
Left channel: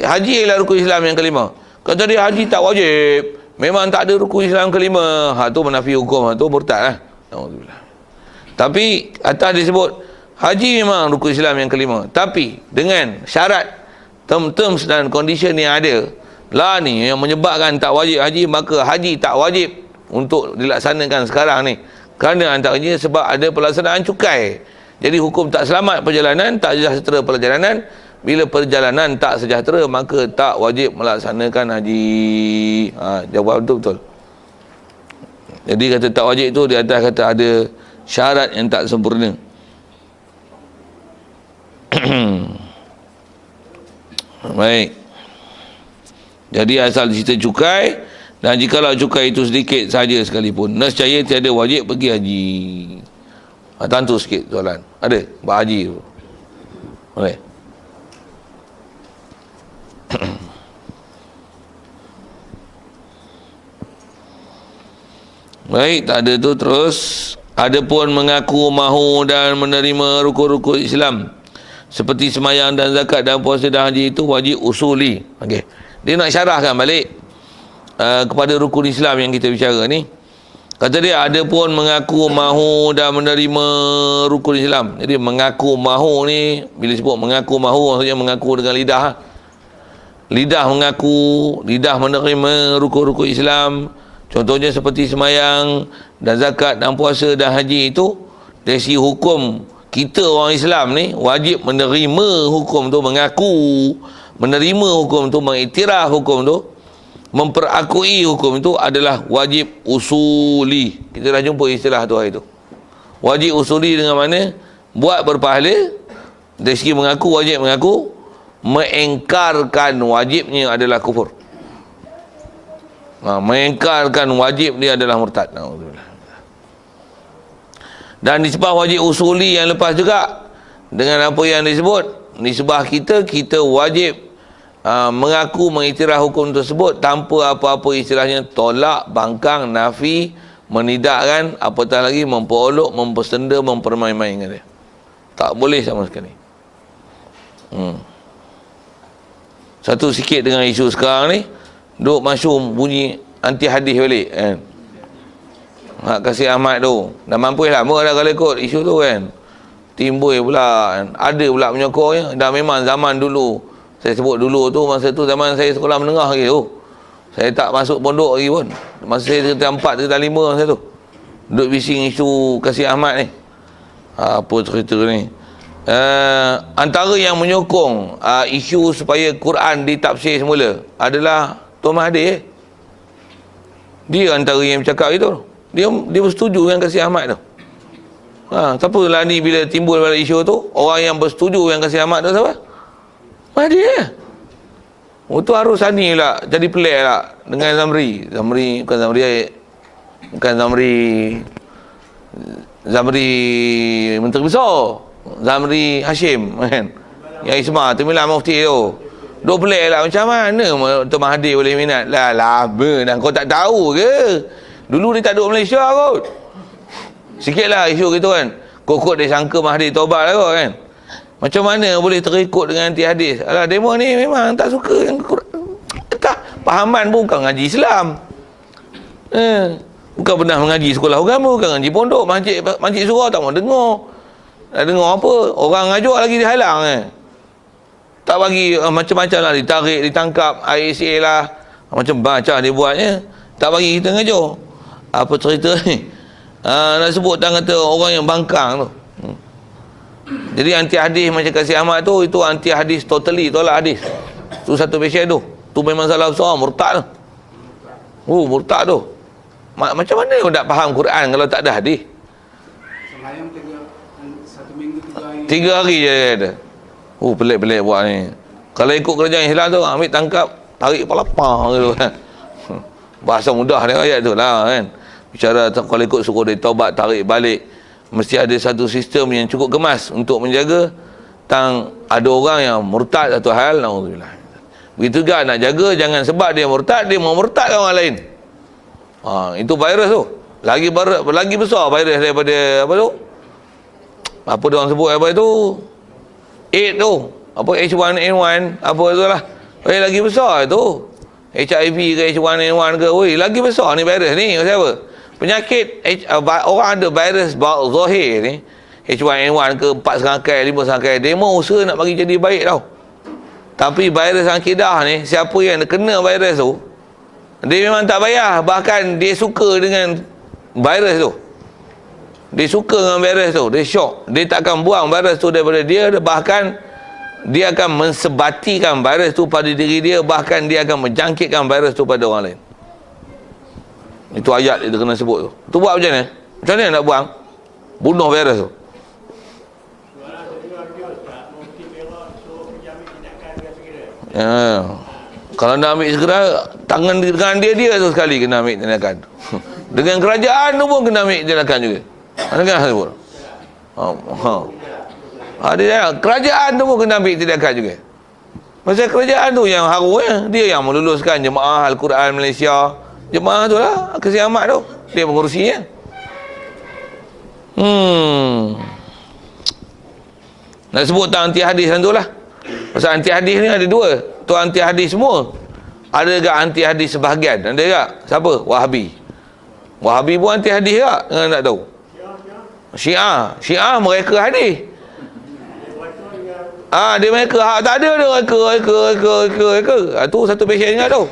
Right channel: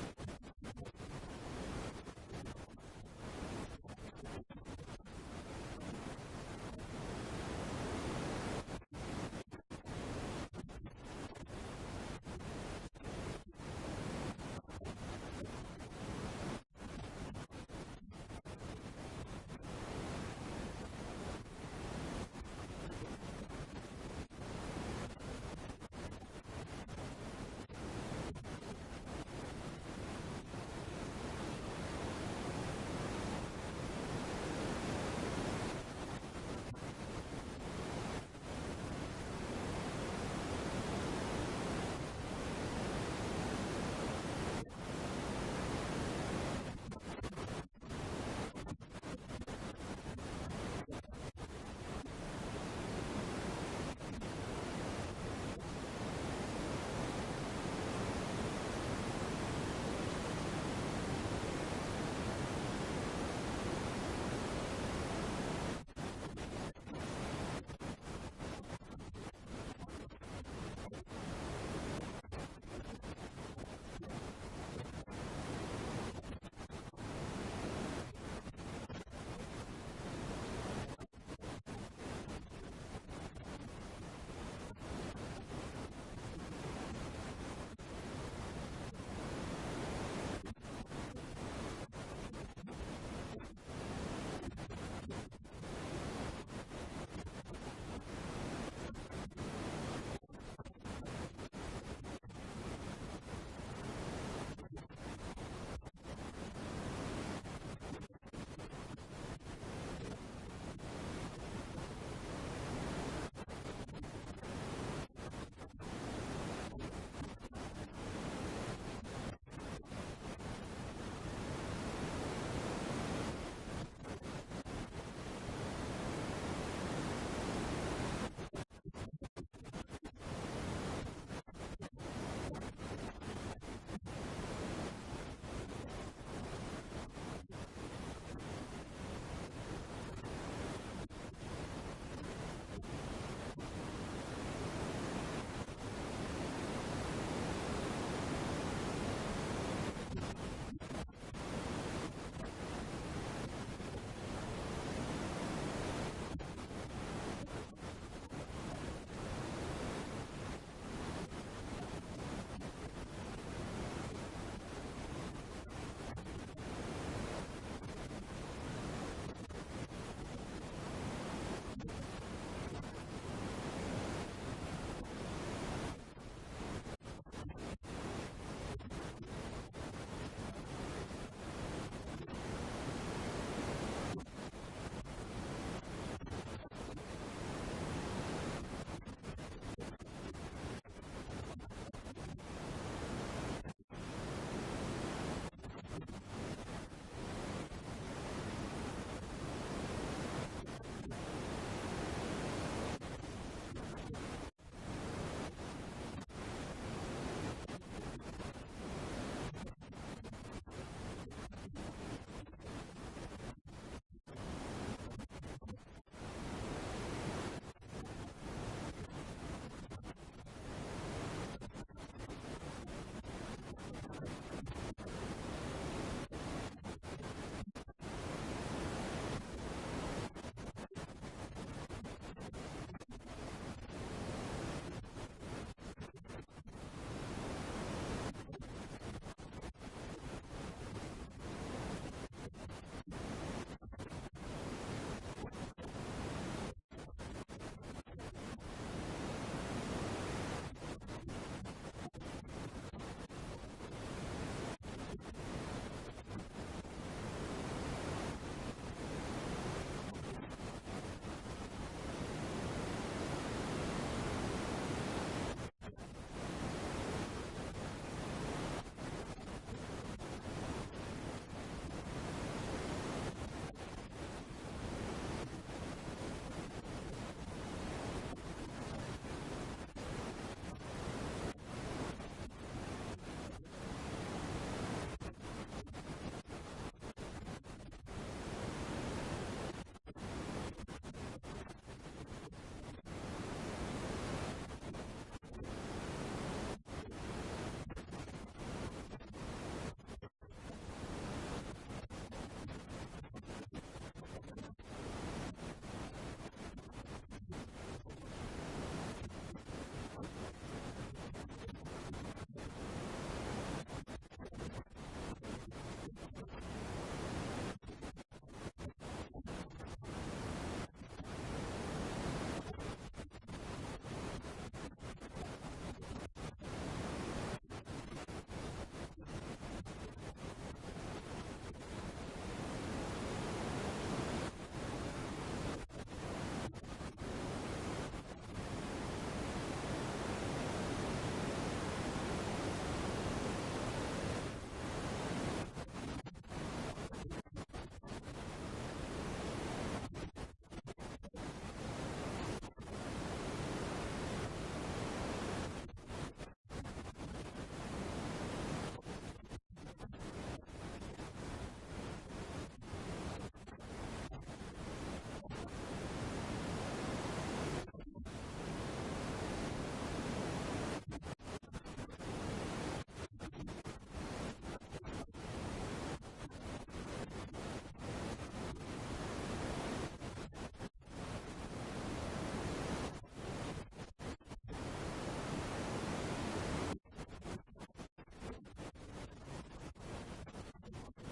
haji ialah rukun Islam yang kelima. Kata dia haji tak wajib, memang tak ada rukun Islam kelima, tu menafi hukum, tu murtad lah. Tapi atas disebut haji memang rukun Islam yang kelima, tapi dengan syarat, terms dan condition yang ada lah ni yang menyebabkan tak wajib haji, maka haji tak wajib untuk dilaksanakan sekarang ni. Kerana antaranya sebab ada pelaksanaan cukai. Jadi hukum tak selamat perjalanan, tak sejahtera perjalanan. Bila perjalanan tak sejahtera, maka tak wajib melaksanakan haji. Jawab betul-betul. Jadi kata tak wajib itu di atas kata ada syarat yang tak sempurna. Baik. Jadi asal cerita cukai, dan jikalau cukai itu sedikit saja sekalipun, nescaya tiada wajib pergi haji. Tentu sikit soalan. Ada? Buat haji tu. Boleh? Baik, tak ada tu. Terus, ada pun mengaku mahu dan menerima rukun-rukun Islam seperti semayang dan zakat dan puasa dan haji itu wajib usuli. Okey. Dia nak syarahkan balik kepada rukun Islam yang kita bicara ni. Kata dia ada pun mengaku mahu dan menerima rukun Islam. Jadi mengaku mahu ni, bila sebut mengaku mahu, maksudnya mengaku dengan lidah. Lidah mengaku, lidah menerima rukun-rukun Islam. Contohnya seperti semayang dan zakat dan puasa dan haji itu, dari segi hukum kita orang Islam ni wajib menerima hukum tu, mengaku menerima hukum tu, mengiktiraf hukum tu, memperakui hukum itu adalah wajib usuli. Kita dah jumpa istilah tu hari tu. Wajib usuli dengan mana? Buat berpahala. Dari segi mengaku, wajib mengaku. Mengingkarkan wajibnya adalah kufur. Mengingkarkan wajib dia adalah murtad. Dan nisbah wajib usuli yang lepas juga, dengan apa yang disebut, nisbah kita wajib mengaku mengiktiraf hukum tersebut tanpa apa-apa istilahnya tolak, bangkang, nafi, menidakkan, apatah lagi memperolok, mempersenda, mempermain-mainkan dia. Tak boleh sama sekali. Satu sikit dengan isu sekarang ni, duk masyhur bunyi anti hadis balik kan. Hak Kasih Ahmad tu dah mampu lama dah kalau ikut isu tu kan. Timbul pula kan. Ada pula penyokornya. Dah memang zaman dulu, saya sebut dulu tu, masa tu zaman saya sekolah menengah lagi tu. Saya tak masuk pondok lagi pun. Masa saya tingkatan 4, tingkatan 5 masa tu. Duduk bising isu Kasih Ahmad ni. Apa cerita ni? Antara yang menyokong isu supaya Quran ditafsir semula adalah Tuan Mahathir. Dia antara yang bercakap itu. Dia bersetuju dengan Kasih Ahmad tu. Siapa lah ni bila timbul pada isu tu? Orang yang bersetuju dengan Kasih Ahmad tu siapa? Mahathir. Tu harus Sani pula jadi pelik lah dengan Zamri. Bukan Zamri Menteri Besar. Zamri Hashim kan. Yang Isma tu Milah Mufti tu. Duk pelik lah, macam mana Tuan Mahathir boleh minat? Lah lama dah, kau tak tahu ke? Dulu dia tak duduk Malaysia kot. Sikit lah isu gitu kan. Kok dia sangka Mahathir taubat lah kot kan. Macam mana boleh terikut dengan anti hadis? Alah, demo ni memang tak suka yang tak, pahaman pun bukan ngaji Islam. Bukan pernah mengaji sekolah agama, bukan ngaji pondok, masjid surau tak mau dengar. Nak dengar apa? Orang ngajuk lagi dihalang tak bagi macam-macam lah, ditarik, ditangkap, ISA lah, macam-macam dia buatnya. Tak bagi kita ngajuk. Apa cerita ni? Nak sebut tak kata orang yang bangkang tu. Jadi anti hadis macam Kasih Ahmad tu, itu anti hadis totally, tolak hadis. Tu satu pasien tu. Tu memang salah besar, murtad tu. Murtad tu. Macam mana kau tak faham Quran kalau tak ada hadis? 3 hari je dia ada. Pelik-pelik buat ni. Kalau ikut kerajaan Islam tu, ambil tangkap, tarik kepala pang gitu kan. Bahasa mudah dia ayat tu lah kan. Bicara kalau ikut suruh dia taubat, tarik balik, mesti ada satu sistem yang cukup kemas untuk menjaga tang ada orang yang murtad satu hal, naudzubillah. Begitu juga nak jaga jangan sebab dia murtad dia mau murtadkan orang lain. Itu virus tu. Lagi besar virus daripada apa tu? Apa dia orang sebut apa itu? AIDS tu. Apa H1N1 apa tu lah. Lagi besar tu. HIV ke H1N1 ke, lagi besar ni virus ni. Maksud apa? Penyakit orang ada virus zahir ni, H1N1 ke 4 serangkai, 5 serangkai, dia mau usaha nak bagi jadi baik tau. Tapi virus akidah ni, siapa yang kena virus tu, dia memang tak payah, bahkan dia suka dengan virus tu. Dia suka dengan virus tu, dia syok. Dia tak akan buang virus tu daripada dia, bahkan dia akan mensebatikan virus tu pada diri dia, bahkan dia akan menjangkitkan virus tu pada orang lain. Itu ayat dia kena sebut tu. Tu buat macam mana? Macam mana nak buang? Bunuh virus tu. Ya. Kalau nak ambil segera, tangan dia tu sekali kena ambil tindakan. Dengan kerajaan tu pun kena ambil tindakan juga. Mana kan sebut? Dia kerajaan tu pun kena ambil tindakan juga. Pasal kerajaan tu yang harunya, dia yang meluluskan jemaah Al-Quran Malaysia. Jemaah tu lah, Kasih Ahmad tu, dia mengurusinya. Nak sebut tak anti hadis tu lah. Pasal anti hadis ni ada dua. Tu anti hadis semua. Ada juga anti hadis sebahagian. Ada juga. Siapa? Wahabi. Wahabi pun anti hadis juga. Jangan nak tahu. Syiah mereka hadis. Dia mereka tak ada dia mereka. Tu satu pasien ingat tu.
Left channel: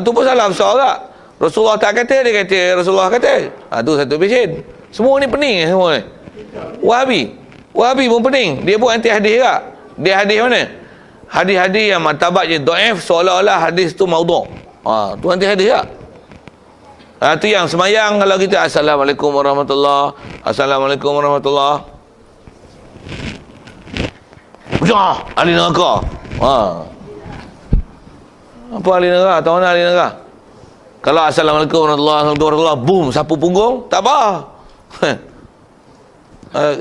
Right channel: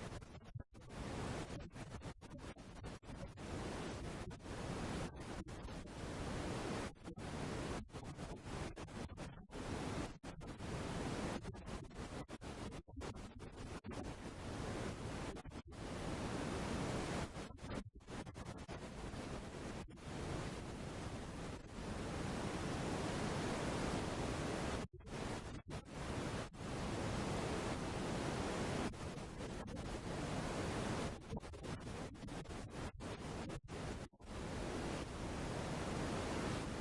Tu pun salah besar tak. Rasulullah tak kata, dia kata Rasulullah kata. Tu satu pasien. Semua ni pening semua ni. Wahabi pun pening. Dia pun anti hadis juga. Dia hadis mana? Hadis-hadis yang martabatnya dhaif, seolah-olah hadis tu maudhu'. Tu anti hadis tak? Tu yang semayang kalau kita Assalamualaikum warahmatullahi Assalamualaikum warahmatullahi. Ahli neraka. Apa ahli neraka? Tahu mana ahli neraka? Kalau Assalamualaikum warahmatullahi, boom, sapu punggung, tak apa.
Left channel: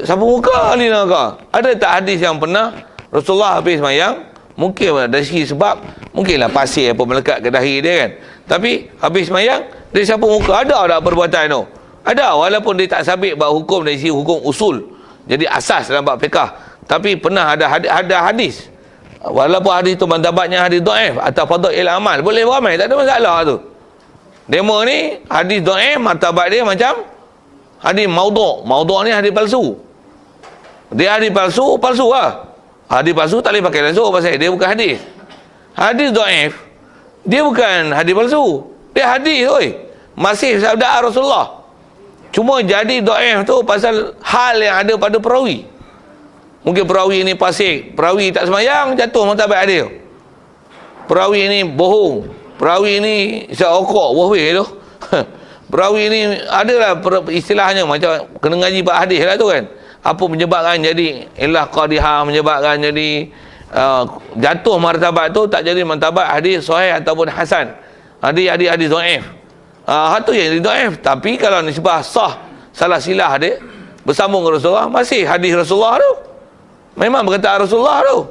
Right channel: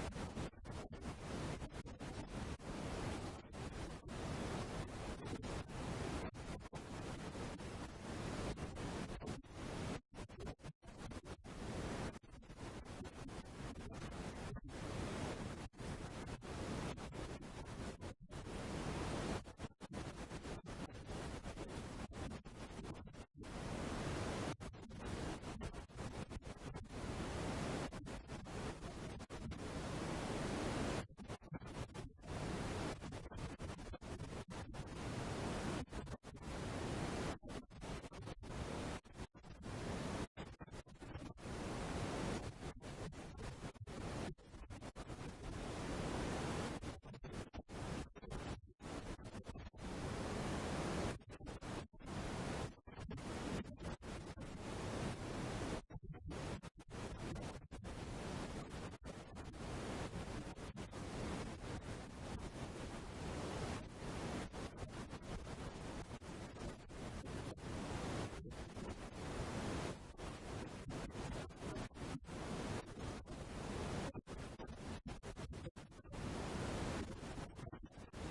Sapu muka ahli neraka. Ada tak hadis yang pernah Rasulullah habis semayang, mungkin dari segi sebab, mungkinlah pasir apa melekat ke dahi dia kan. Tapi habis semayang, dia sapu muka. Ada tak perbuatan tu? Ada, walaupun dia tak sabit bab hukum dari segi hukum usul. Jadi asas dalam bab fiqah. Tapi pernah ada hadis. Walaupun hadis tu mantabatnya hadis dhaif atau fadhail amal, boleh beramal, tak ada masalah tu. Demo ni hadis dhaif, martabat dia macam hadis maudhu'. Maudhu' ni hadis palsu. Dia hadis palsu lah. Hadis palsu tak boleh pakai langsung pasal dia bukan hadis. Hadis dhaif, dia bukan hadis palsu. Dia hadis oi. Masih sabda Rasulullah. Cuma jadi dhaif tu pasal hal yang ada pada perawi. Mungkin perawi ni fasik, perawi tak semayang, jatuh martabat dia. Perawi ni bohong, perawi ni seokok, wahweh tu. Perawi ni adalah istilahnya macam kena ngaji bab hadis lah tu kan. Apa menyebabkan jadi ilah qadihah, menyebabkan jadi jatuh martabat tu tak jadi martabat hadis sahih ataupun hasan. Hadis dhaif. Itu yang dhaif. Tapi kalau nisbah sah, salah silah dia bersambung dengan Rasulullah, masih hadis Rasulullah tu. Memang berkata Rasulullah tu.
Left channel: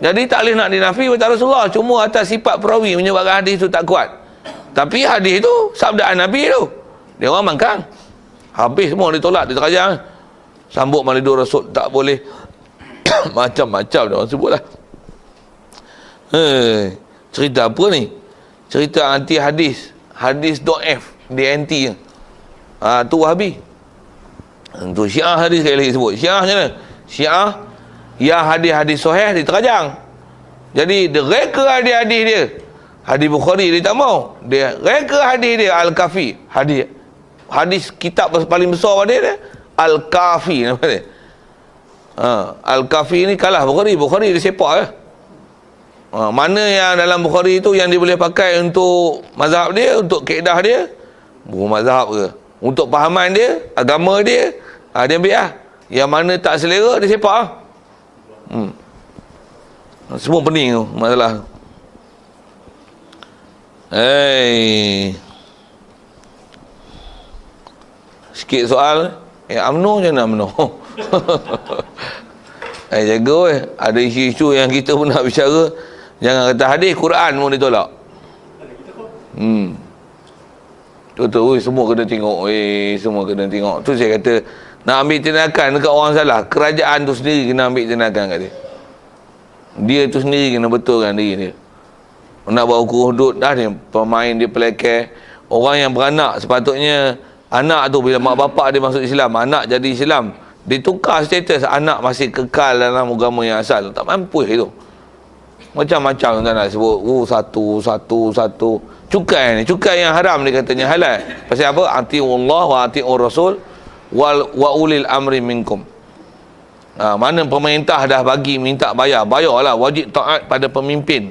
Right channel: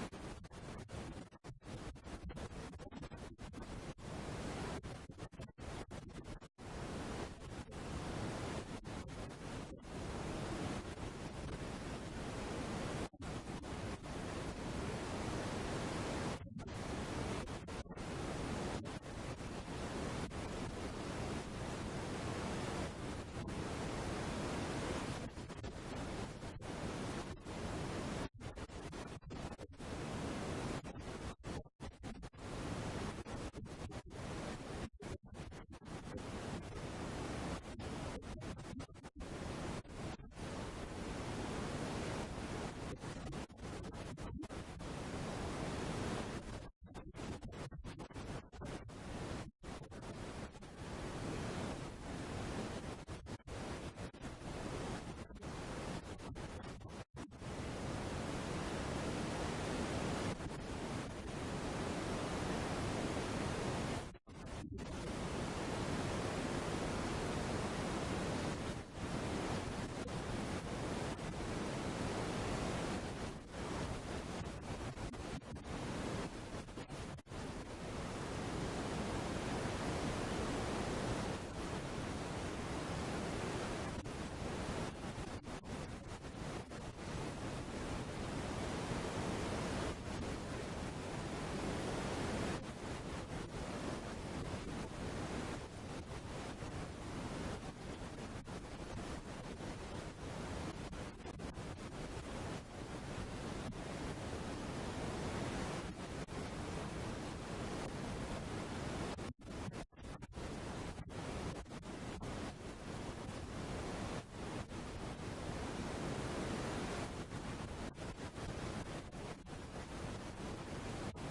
Jadi tak boleh nak dinafi berkata Rasulullah. Cuma atas sifat perawi menyebabkan hadis tu tak kuat. Tapi hadis tu sabdaan Nabi tu. Dia orang mangkang. Habis semua ditolak, diterajang. Sambut malidur Rasul tak boleh. Macam-macam dia orang sebut lah. Cerita apa ni? Cerita anti hadis. Hadis dhaif. Dia anti. Tu Wahabi. Tu Syiah hadis sekali lagi sebut. Syiah macam mana? Syiah yang hadis-hadis sahih diterajang. Jadi dia reka hadis-hadis dia. Hadis Bukhari dia tak mau. Dia reka hadis dia Al-Kafi. Hadis kitab paling besar pada dia Al-Kafi nama dia. Al-Kafi ni kalah Bukhari. Bukhari dia sepak lah. Mana yang dalam Bukhari tu yang dia boleh pakai untuk mazhab dia, untuk kaedah dia, bukan mazhab ke, untuk pahaman dia, agama dia, dia ambil lah. Yang mana tak selera, dia sepak lah. Semua pening tu masalah. sikit soal, UMNO macam mana UMNO? Jaga weh. Ada isu-isu yang kita pun nak bicara, jangan kata hadis, Quran pun ditolak. Betul, semua kena tengok. Semua kena tengok. Tu saya kata, nak ambil tindakan dekat orang salah, kerajaan tu sendiri kena ambil tindakan kat dia. Dia tu sendiri kena betulkan diri dia. Nak buat hukum hudud dah ni, pemain dia pelekeh. Orang yang beranak, sepatutnya anak tu bila mak bapak dia masuk Islam, anak jadi Islam, ditukar status, anak masih kekal dalam agama yang asal. Tak mampu itu. Macam-macam tak nak sebut. Satu. Cukai ni, cukai yang haram dia katanya halal. Pasal apa? Ati'ullah wa ati'ur rasul wa ulil amri minkum. Mana pemerintah dah bagi minta bayarlah, wajib taat pada pemimpin.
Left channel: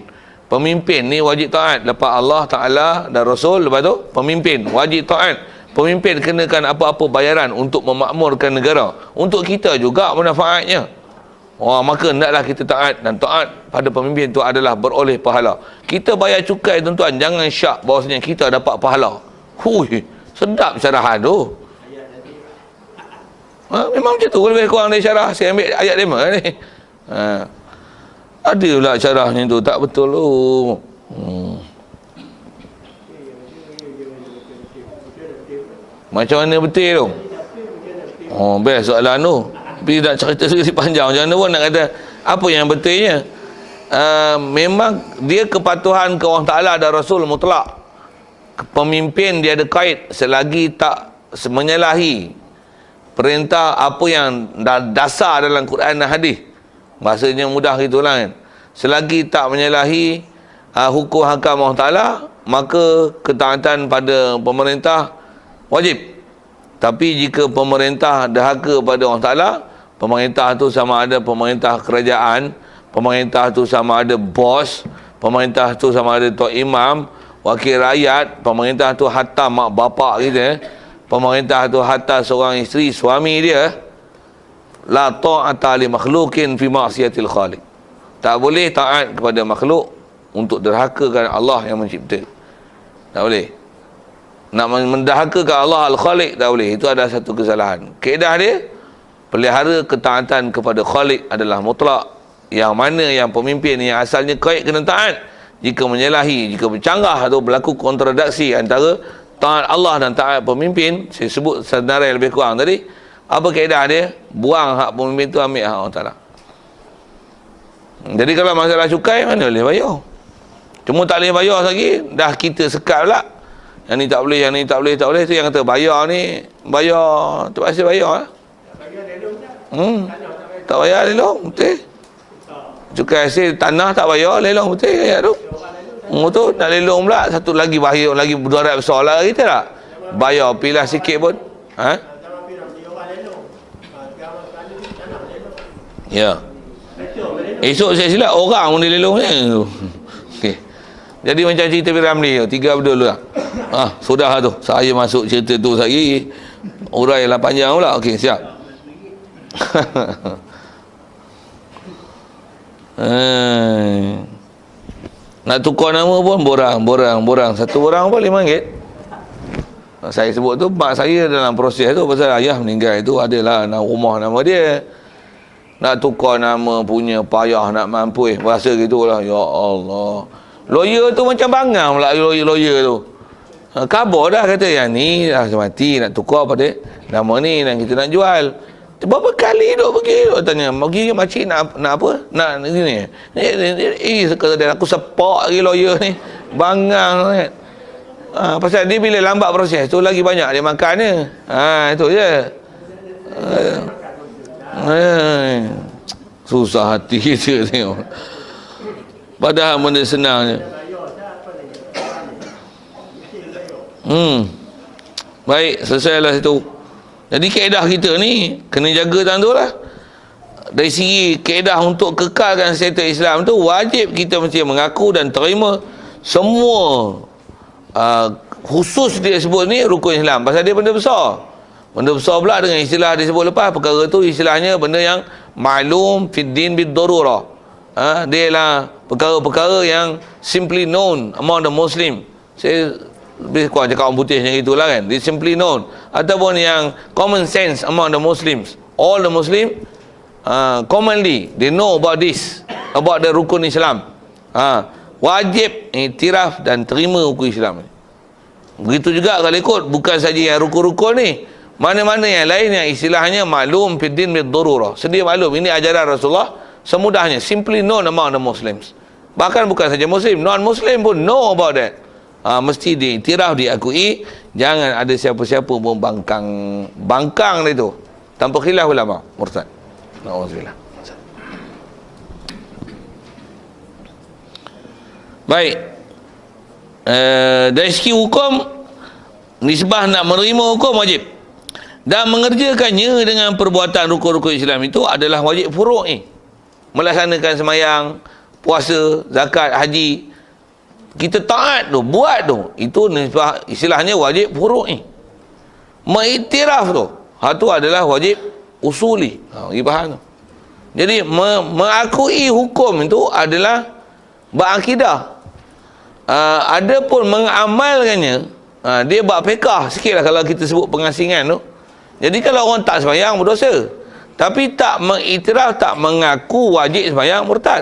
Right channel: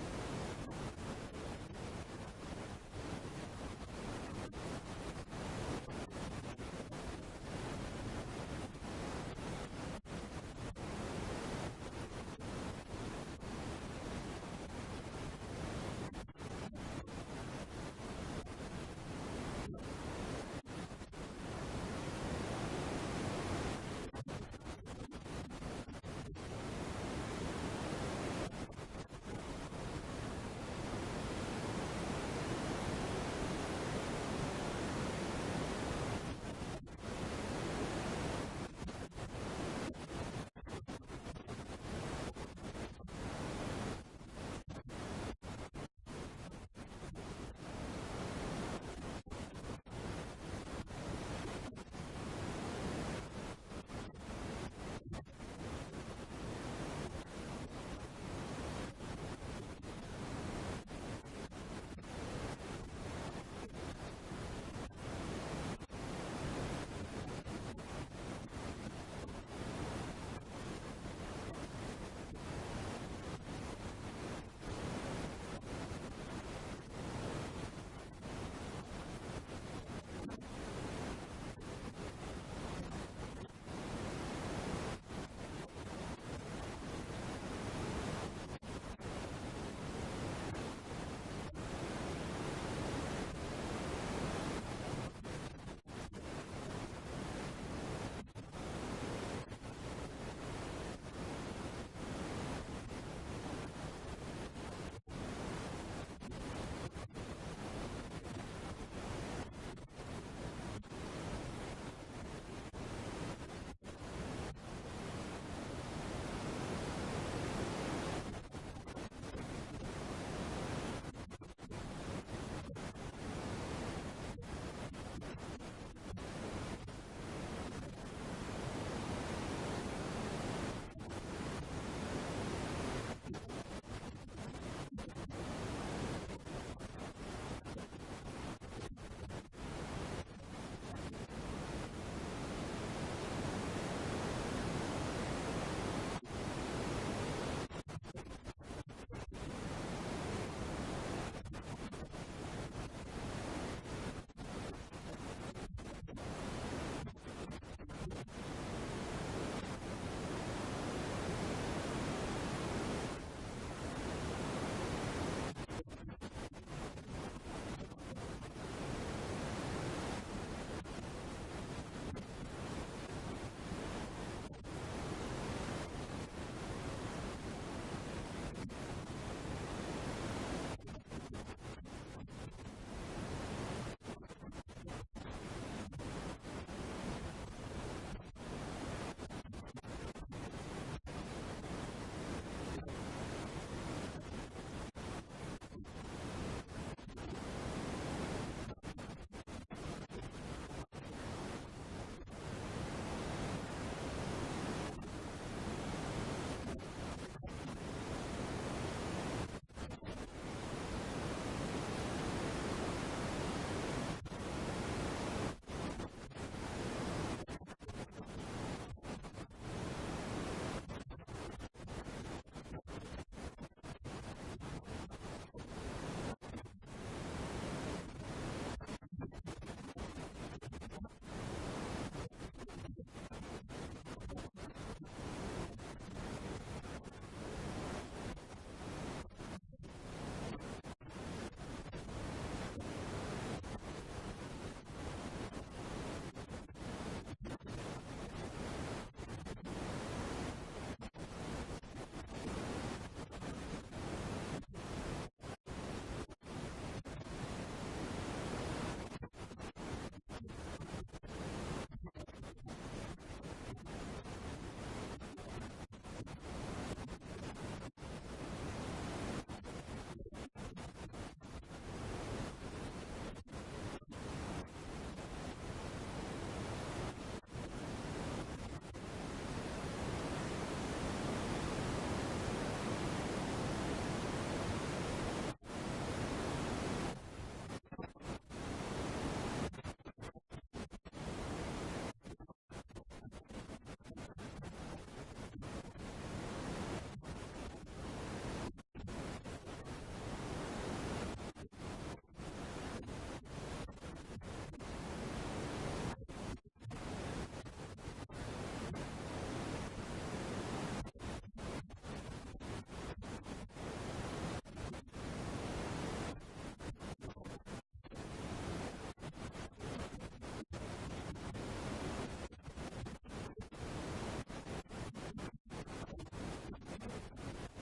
Pemimpin ni wajib taat. Lepas Allah Ta'ala dan Rasul, lepas tu pemimpin wajib taat. Pemimpin kenakan apa-apa bayaran untuk memakmurkan negara. Untuk kita juga manfaatnya. Maka hendaklah kita taat, dan taat pada pemimpin itu adalah beroleh pahala. Kita bayar cukai tuan-tuan, jangan syak bahawasanya kita dapat pahala. Sedap syarahan tu. Memang macam tu, lebih kurang dari syarah. Saya ambil ayat 5 ni. Ada pula syarahnya tu, tak betul tu. Macam mana betul tu? Best soalan tu. Tapi nak cerita sedikit panjang, macam mana pun nak kata apa yang betulnya. Memang dia kepatuhan ke Allah Ta'ala dan Rasul mutlak. Pemimpin dia ada kait selagi tak menyalahi perintah apa yang dasar dalam Quran dan hadis. Bahasanya mudah gitulah kan. Selagi tak menyalahi hukum hakam Allah Ta'ala, maka ketaatan pada pemerintah wajib. Tapi jika pemerintah dahaka pada Allah Ta'ala, pemerintah tu sama ada pemerintah kerajaan, pemerintah tu sama ada bos, pemerintah tu sama ada tok imam, wakil rakyat, pemerintah tu hatta mak bapak kita, pemerintah tu hatta seorang isteri, suami dia, la ta'ata li makhlukin fi ma'siyatil khaliq. Tak boleh taat kepada makhluk untuk derhakakan Allah yang mencipta. Tak boleh. Nak mendahakakan Allah Al-Khaliq tak boleh. Itu adalah satu kesalahan. Kaedah dia, pelihara ketaatan kepada Khaliq adalah mutlak. Yang mana yang pemimpin yang asalnya kait kena taat. Jika menyalahi, jika bercanggah atau berlaku kontradiksi antara taat Allah dan taat pemimpin, saya sebut senarai lebih kurang tadi, apa kaedah dia? Buang hak pemimpin tu, ambil hak Allah Ta'ala. Jadi kalau masalah cukai, mana boleh bayar? Cuma tak boleh bayar lagi, dah kita sekat pula. Yang ni tak boleh, yang ni tak boleh, tak boleh. Tu yang kata bayar ni, bayar, terpaksa bayar lah. Tak bayar lelong, betul. Cukai hasil tanah tak bayar, lelong betul ayat tu. Tu nak lelong pula, satu lagi bahaya, lagi berdarat besar lah kita tak? Bayar, pilah sikit pun. Ya. Esok saya silap orang pun dia lelong ni. Okey. Jadi macam cerita Piramli tu, 3 berdua lah. Sudah tu. Saya masuk cerita tu lagi. Urailah panjang pula. Okey, siap. Nak tukar nama pun borang. Satu borang pun RM5. Saya sebut tu, mak saya dalam proses tu, pasal ayah meninggal itu adalah rumah nama dia. Nak tukar nama punya payah nak mampu. Bahasa gitulah. Ya Allah. Lawyer tu macam bangang pula lawyer tu. Khabar dah kata yang ni dah mati, nak tukar pada nama ni dan kita nak jual. Berapa kali duk pergi, duk tanya, pergi makcik nak apa? Nak ni. Kata dia, aku sepak lagi lawyer ni. Bangang kan. Pasal dia bila lambat proses tu lagi banyak dia makan dia. Itu je. Susah hati kita tengok. Padahal benda senang je. Baik, selesailah situ. Jadi kaedah kita ni kena jaga tang tu lah. Dari segi kaedah untuk kekalkan status Islam tu, wajib kita mesti mengaku dan terima semua khusus dia sebut ni rukun Islam. Pasal dia benda besar. Benda besar pula dengan istilah disebut lepas. Perkara tu istilahnya benda yang ma'lum fid din bid darurah. Dia lah perkara-perkara yang simply known among the Muslim. Saya lebih kurang cakap orang putih macam itulah kan. They simply known. Ataupun yang common sense among the Muslims. All the Muslim commonly they know about this, about the rukun Islam. Wajib iktiraf dan terima rukun Islam. Begitu juga kalau ikut, bukan saja yang rukun-rukun ni, mana-mana yang lain yang istilahnya maklum fid din bid darurah. Sedia maklum, ini ajaran Rasulullah semudahnya, simply known among the Muslims. Bahkan bukan saja Muslim, non-Muslim pun know about that. Mesti diiktiraf, diakui. Jangan ada siapa-siapa pun bangkang itu tanpa khilaf ulama, murtad. Nauzubillah. Baik. Dari segi hukum, nisbah nak menerima hukum wajib, dan mengerjakannya dengan perbuatan rukun-rukun Islam itu adalah wajib furuk ni. Melaksanakan semayang, puasa, zakat, haji, kita taat tu, buat tu, itu nisbah, istilahnya wajib furuk ni. Mengiktiraf tu, tu adalah wajib usuli. Bagi faham tu. Jadi mengakui hukum itu adalah berakidah. Adapun mengamalkannya, dia buat fiqah sikit lah kalau kita sebut pengasingan tu. Jadi kalau orang tak sembahyang berdosa, tapi tak mengiktiraf, tak mengaku wajib sembahyang, murtad.